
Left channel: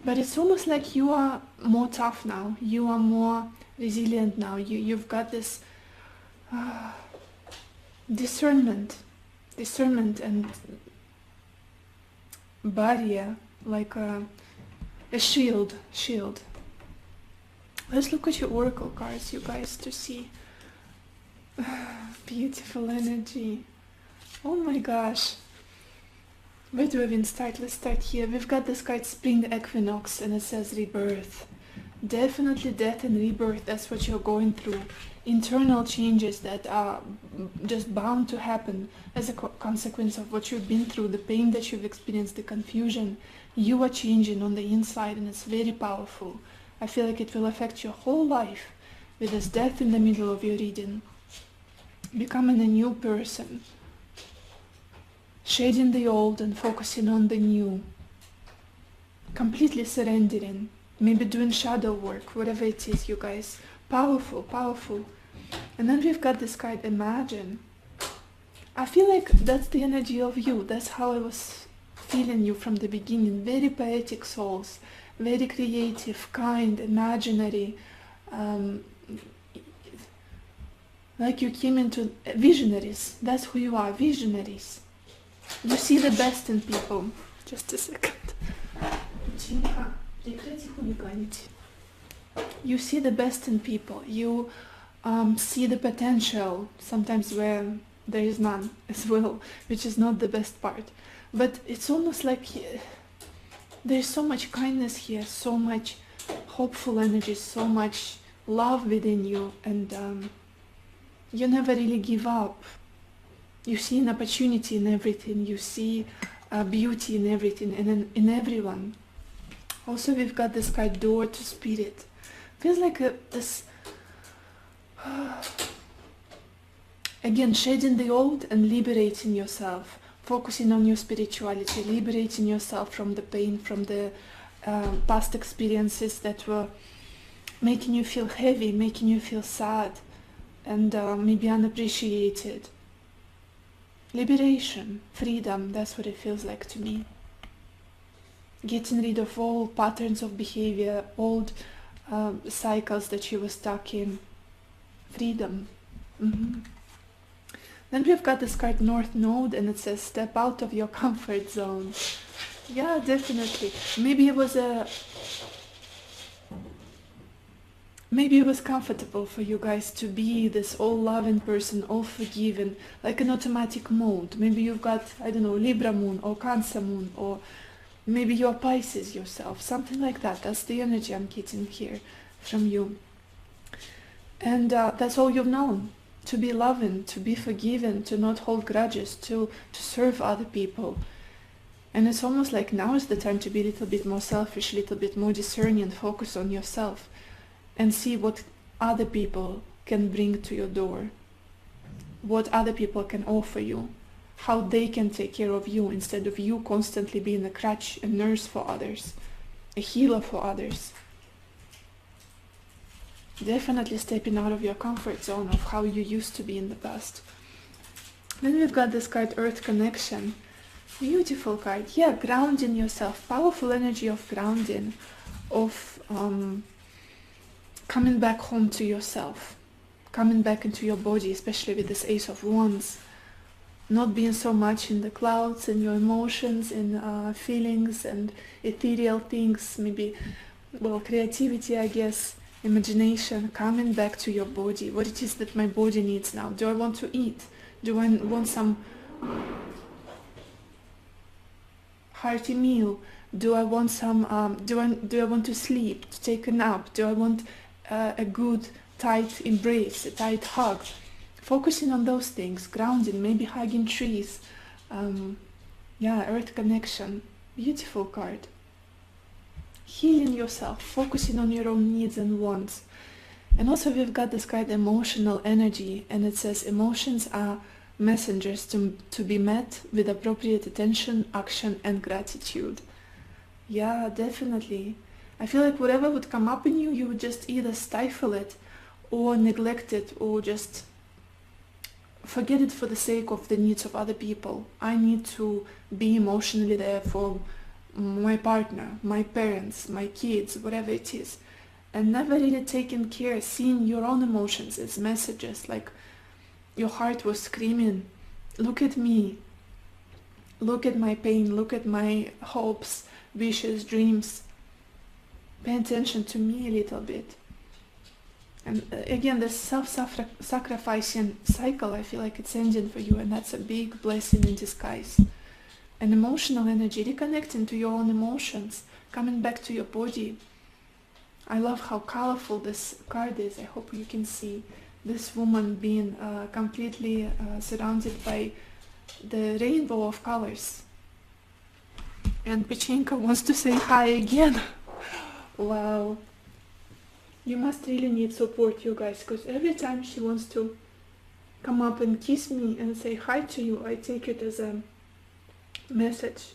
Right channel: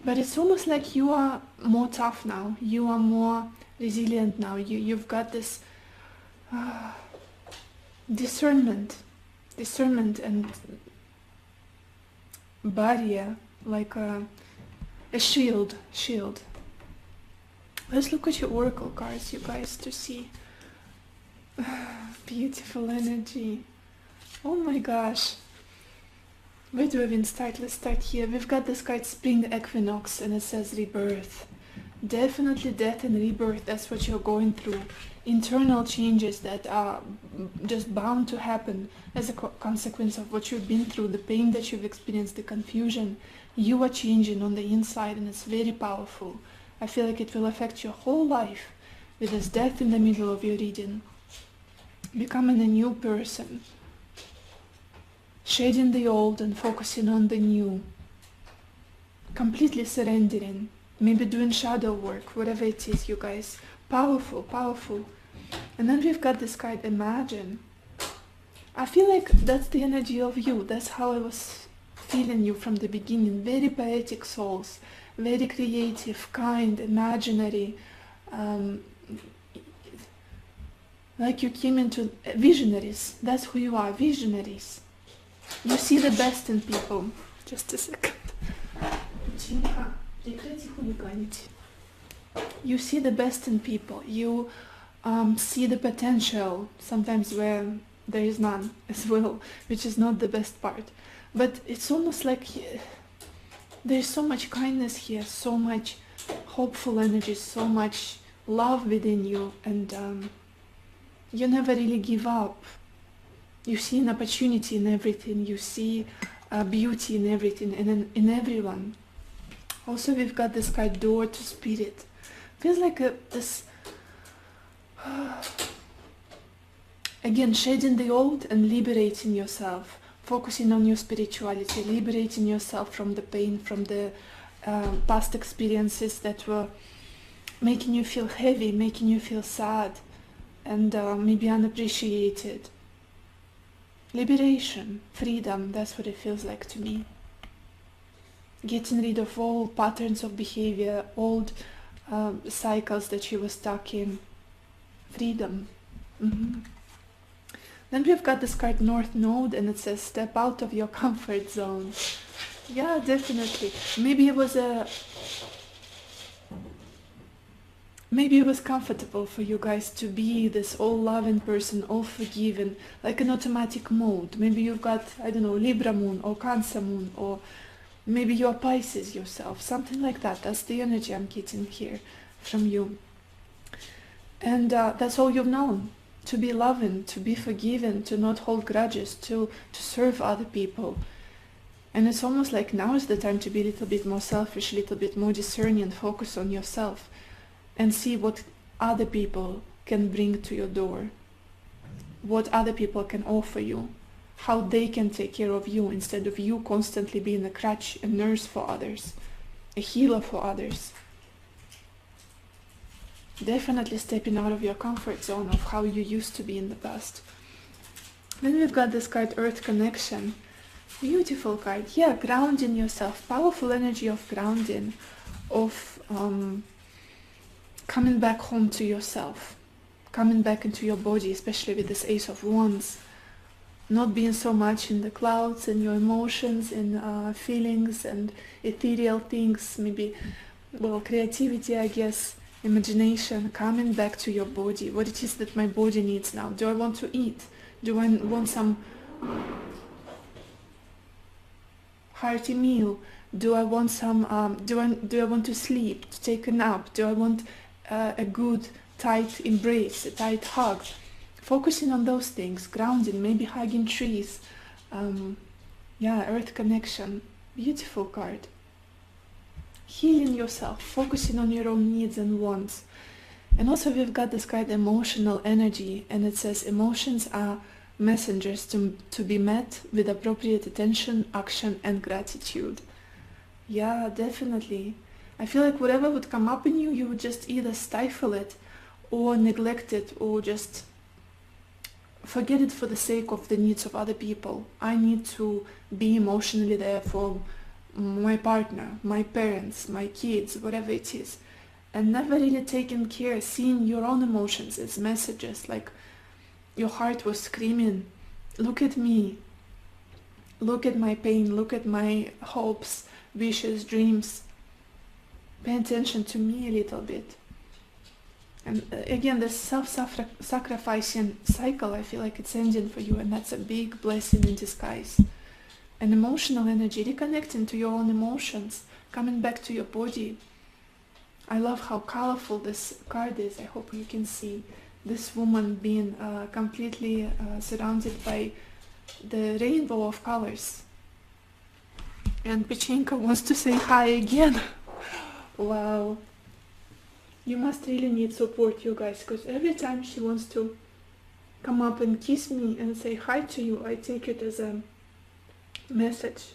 But it's almost like you are more tough now. You are more resilient now. You've got this discernment and barrier, like a shield. Let's look at your oracle cards, you guys, to see. Beautiful energy. Oh my gosh. Where do I even start? Let's start here. We've got this card Spring Equinox and it says Rebirth. Definitely death and rebirth, that's what you're going through. Internal changes that are just bound to happen as a consequence of what you've been through, the pain that you've experienced, the confusion. You are changing on the inside and it's very powerful. I feel like it will affect your whole life with this death in the middle of your reading. Becoming a new person. Shedding the old and focusing on the new. Completely surrendering. Maybe doing shadow work, whatever it is, you guys. Powerful, powerful. And then we've got this card, Imagine. I feel like that's the energy of you. That's how I was feeling you from the beginning. Very poetic souls. Very creative, kind, imaginary. Like you came into visionaries. That's who you are, visionaries. You see the best in people. Just a second. You see the best in people. You see the potential, sometimes where there is none as well, which is not the best part. But it's almost like There's so much kindness here, so much hopeful energy, so much love within you, and you never really give up. You see an opportunity in everything, you see beauty in everything and in everyone. Also, we've got this card, door to spirit. Feels like this, again, shedding the old and liberating yourself, focusing on your spirituality, liberating yourself from the pain, from the past experiences that were making you feel heavy, making you feel sad, and maybe unappreciated. Liberation, freedom, that's what it feels like to me. Getting rid of all patterns of behavior, old cycles that you were stuck in. Freedom. Then we've got this card, North Node, and it says step out of your comfort zone. Yeah, definitely. Maybe it was comfortable for you guys to be this all loving person, all forgiving, like an automatic mode. Maybe you've got, I don't know, Libra moon or Cancer moon, or maybe you're Pisces yourself, something like that. That's the energy I'm getting here from you. And that's all you've known. To be loving, to be forgiven, to not hold grudges, to serve other people. And it's almost like now is the time to be a little bit more selfish, a little bit more discerning, focus on yourself, and see what other people can bring to your door, what other people can offer you, how they can take care of you instead of you constantly being a crutch, a nurse for others, a healer for others. Definitely stepping out of your comfort zone of how you used to be in the past. Then we've got this card, Earth Connection. Beautiful card. Yeah, grounding yourself. Powerful energy of grounding, of coming back home to yourself, coming back into your body, especially with this Ace of Wands. Not being so much in the clouds and your emotions and feelings and ethereal things, maybe, well, creativity, I guess, imagination, coming back to your body, what it is that my body needs now. Do I want to eat? Do I want some hearty meal? Do I want some, do I want to sleep, to take a nap? Do I want a good tight embrace, a tight hug? Focusing on those things, grounding, maybe hugging trees. Yeah, Earth Connection, beautiful card. Healing yourself, focusing on your own needs and wants. And also we've got this card, emotional energy, and it says emotions are messengers to be met with appropriate attention, action, and gratitude. Yeah, definitely. I feel like whatever would come up in you, you would just either stifle it or neglect it or just forget it for the sake of the needs of other people. I need to be emotionally there for my partner, my parents, my kids, whatever it is. And never really taking care, seeing your own emotions as messages, like your heart was screaming, look at me, look at my pain, look at my hopes, wishes, dreams. Pay attention to me a little bit. And again, this self-sacrificing cycle, I feel like it's ending for you, and that's a big blessing in disguise. And emotional energy, reconnecting to your own emotions, coming back to your body. I love how colorful this card is. I hope you can see this woman being completely surrounded by the rainbow of colors. And Pichenko wants to say hi again. Wow. You must really need support, you guys, because every time she wants to come up and kiss me and say hi to you, I take it as a message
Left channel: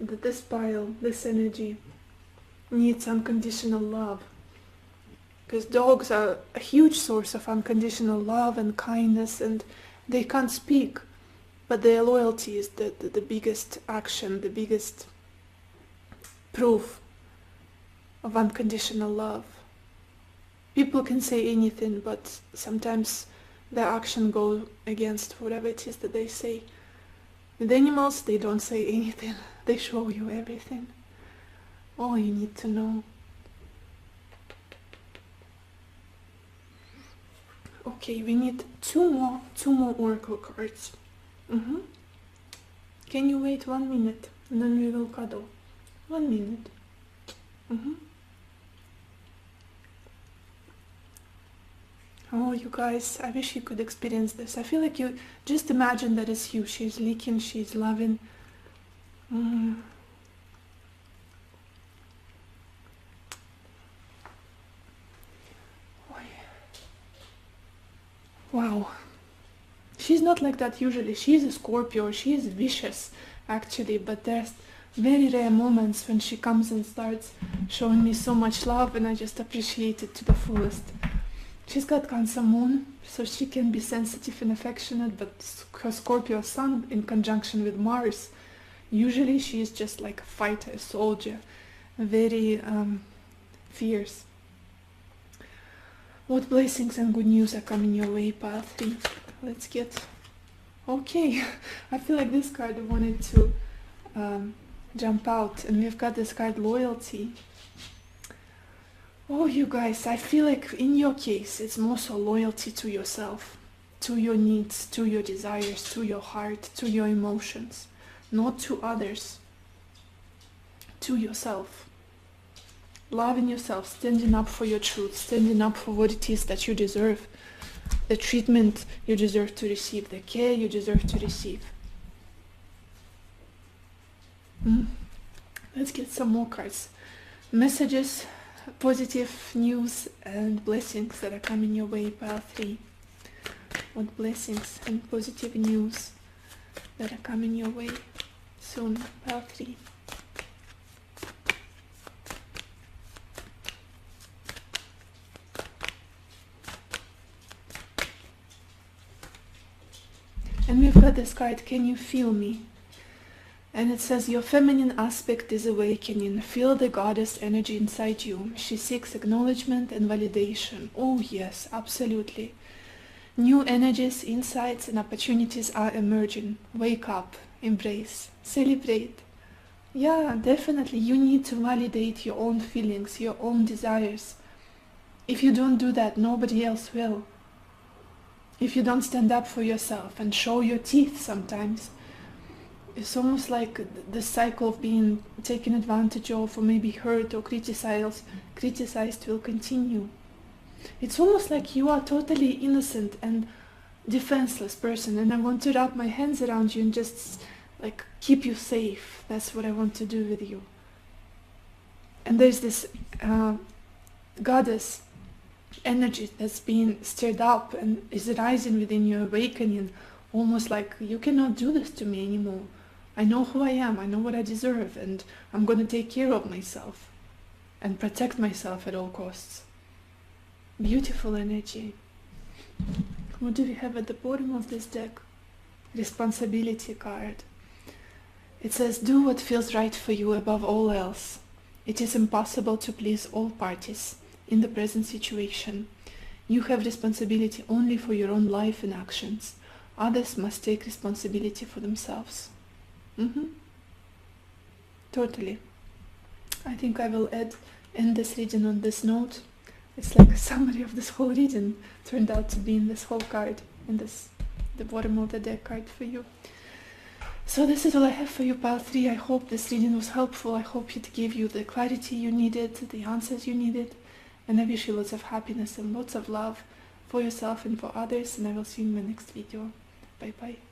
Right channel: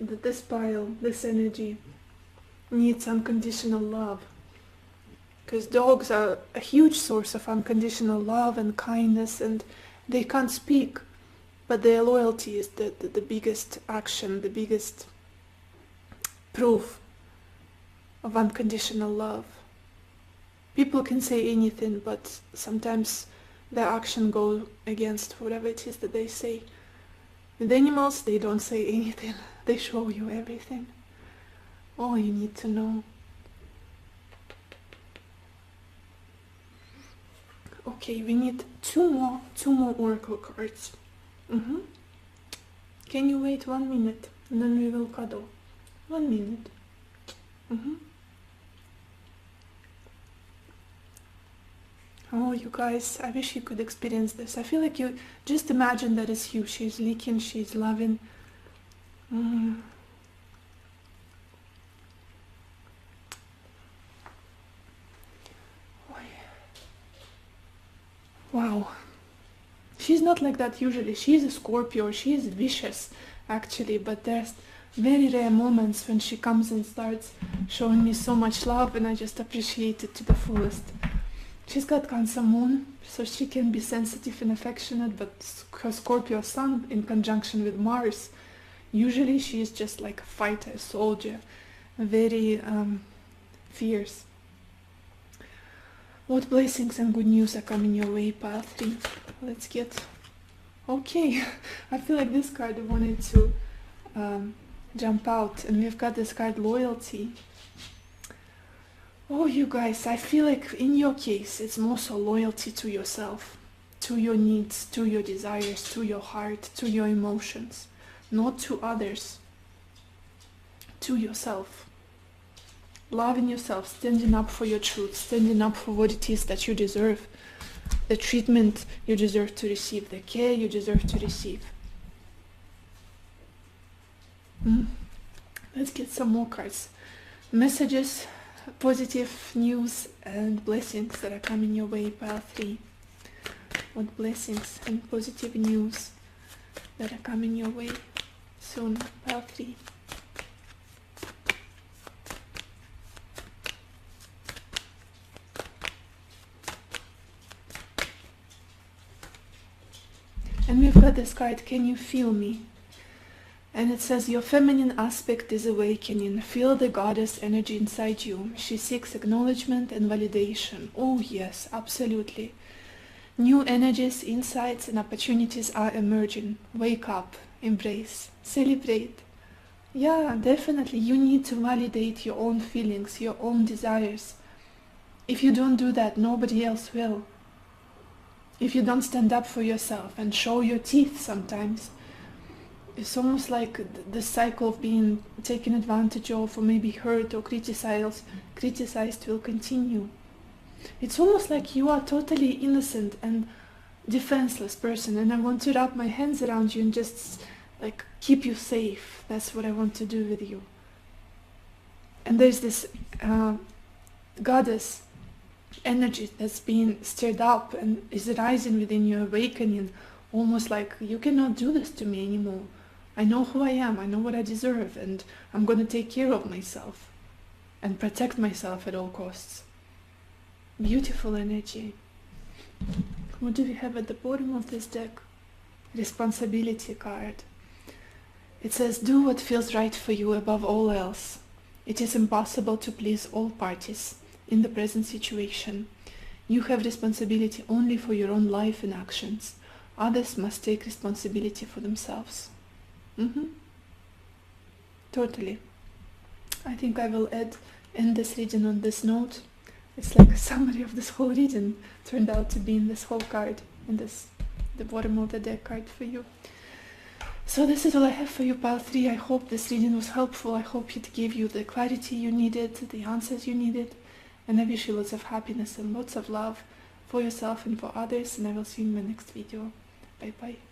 that this pile, this energy, needs unconditional love. Because dogs are a huge source of unconditional love and kindness, and they can't speak, but their loyalty is the biggest action, the biggest proof of unconditional love. People can say anything, but sometimes their action goes against whatever it is that they say. With animals, they don't say anything. They show you everything. All you need to know. Okay, we need two more oracle cards. Can you wait 1 minute and then we will cuddle? 1 minute. Oh, you guys, I wish you could experience this. I feel like you just imagine that it's you. She's leaking, she's loving. Wow. She's not like that usually. She's a Scorpio. She's vicious, actually. But there's very rare moments when she comes and starts showing me so much love, and I just appreciate it to the fullest. She's got Cancer Moon, so she can be sensitive and affectionate, but her Scorpio Sun in conjunction with Mars, usually she is just like a fighter, a soldier, very fierce. What blessings and good news are coming your way, path 3? Let's get... Okay, I feel like this card wanted to jump out, and we've got this card, Loyalty. Oh, you guys, I feel like in your case, it's more so loyalty to yourself, to your needs, to your desires, to your heart, to your emotions, not to others, to yourself. Loving yourself, standing up for your truth, standing up for what it is that you deserve, the treatment you deserve to receive, the care you deserve to receive. Let's get some more cards. Messages, positive news, and blessings that are coming your way, path 3. What blessings and positive news that are coming your way soon, path 3. And we've got this card, Can You Feel Me? And it says, your feminine aspect is awakening. Feel the goddess energy inside you. She seeks acknowledgement and validation. Oh yes, absolutely. New energies, insights, and opportunities are emerging. Wake up, embrace, celebrate. Yeah, definitely. You need to validate your own feelings, your own desires. If you don't do that, nobody else will. If you don't stand up for yourself and show your teeth sometimes, it's almost like the cycle of being taken advantage of or maybe hurt or criticized will continue. It's almost like you are totally innocent and defenseless person, and I want to wrap my hands around you and just like keep you safe. That's what I want to do with you. And there's this goddess energy that's being stirred up and is rising within your awakening, almost like you cannot do this to me anymore. I know who I am, I know what I deserve, and I'm going to take care of myself and protect myself at all costs. Beautiful energy. What do we have at the bottom of this deck? Responsibility card. It says, do what feels right for you above all else. It is impossible to please all parties in the present situation. You have responsibility only for your own life and actions. Others must take responsibility for themselves. Totally. I think I will end this reading on this note. It's like a summary of this whole reading turned out to be in this whole card, in the bottom of the deck card for you. So this is all I have for you, path 3. I hope this reading was helpful. I hope it gave you the clarity you needed, the answers you needed, and I wish you lots of happiness and lots of love for yourself and for others, and I will see you in my next video. Bye bye.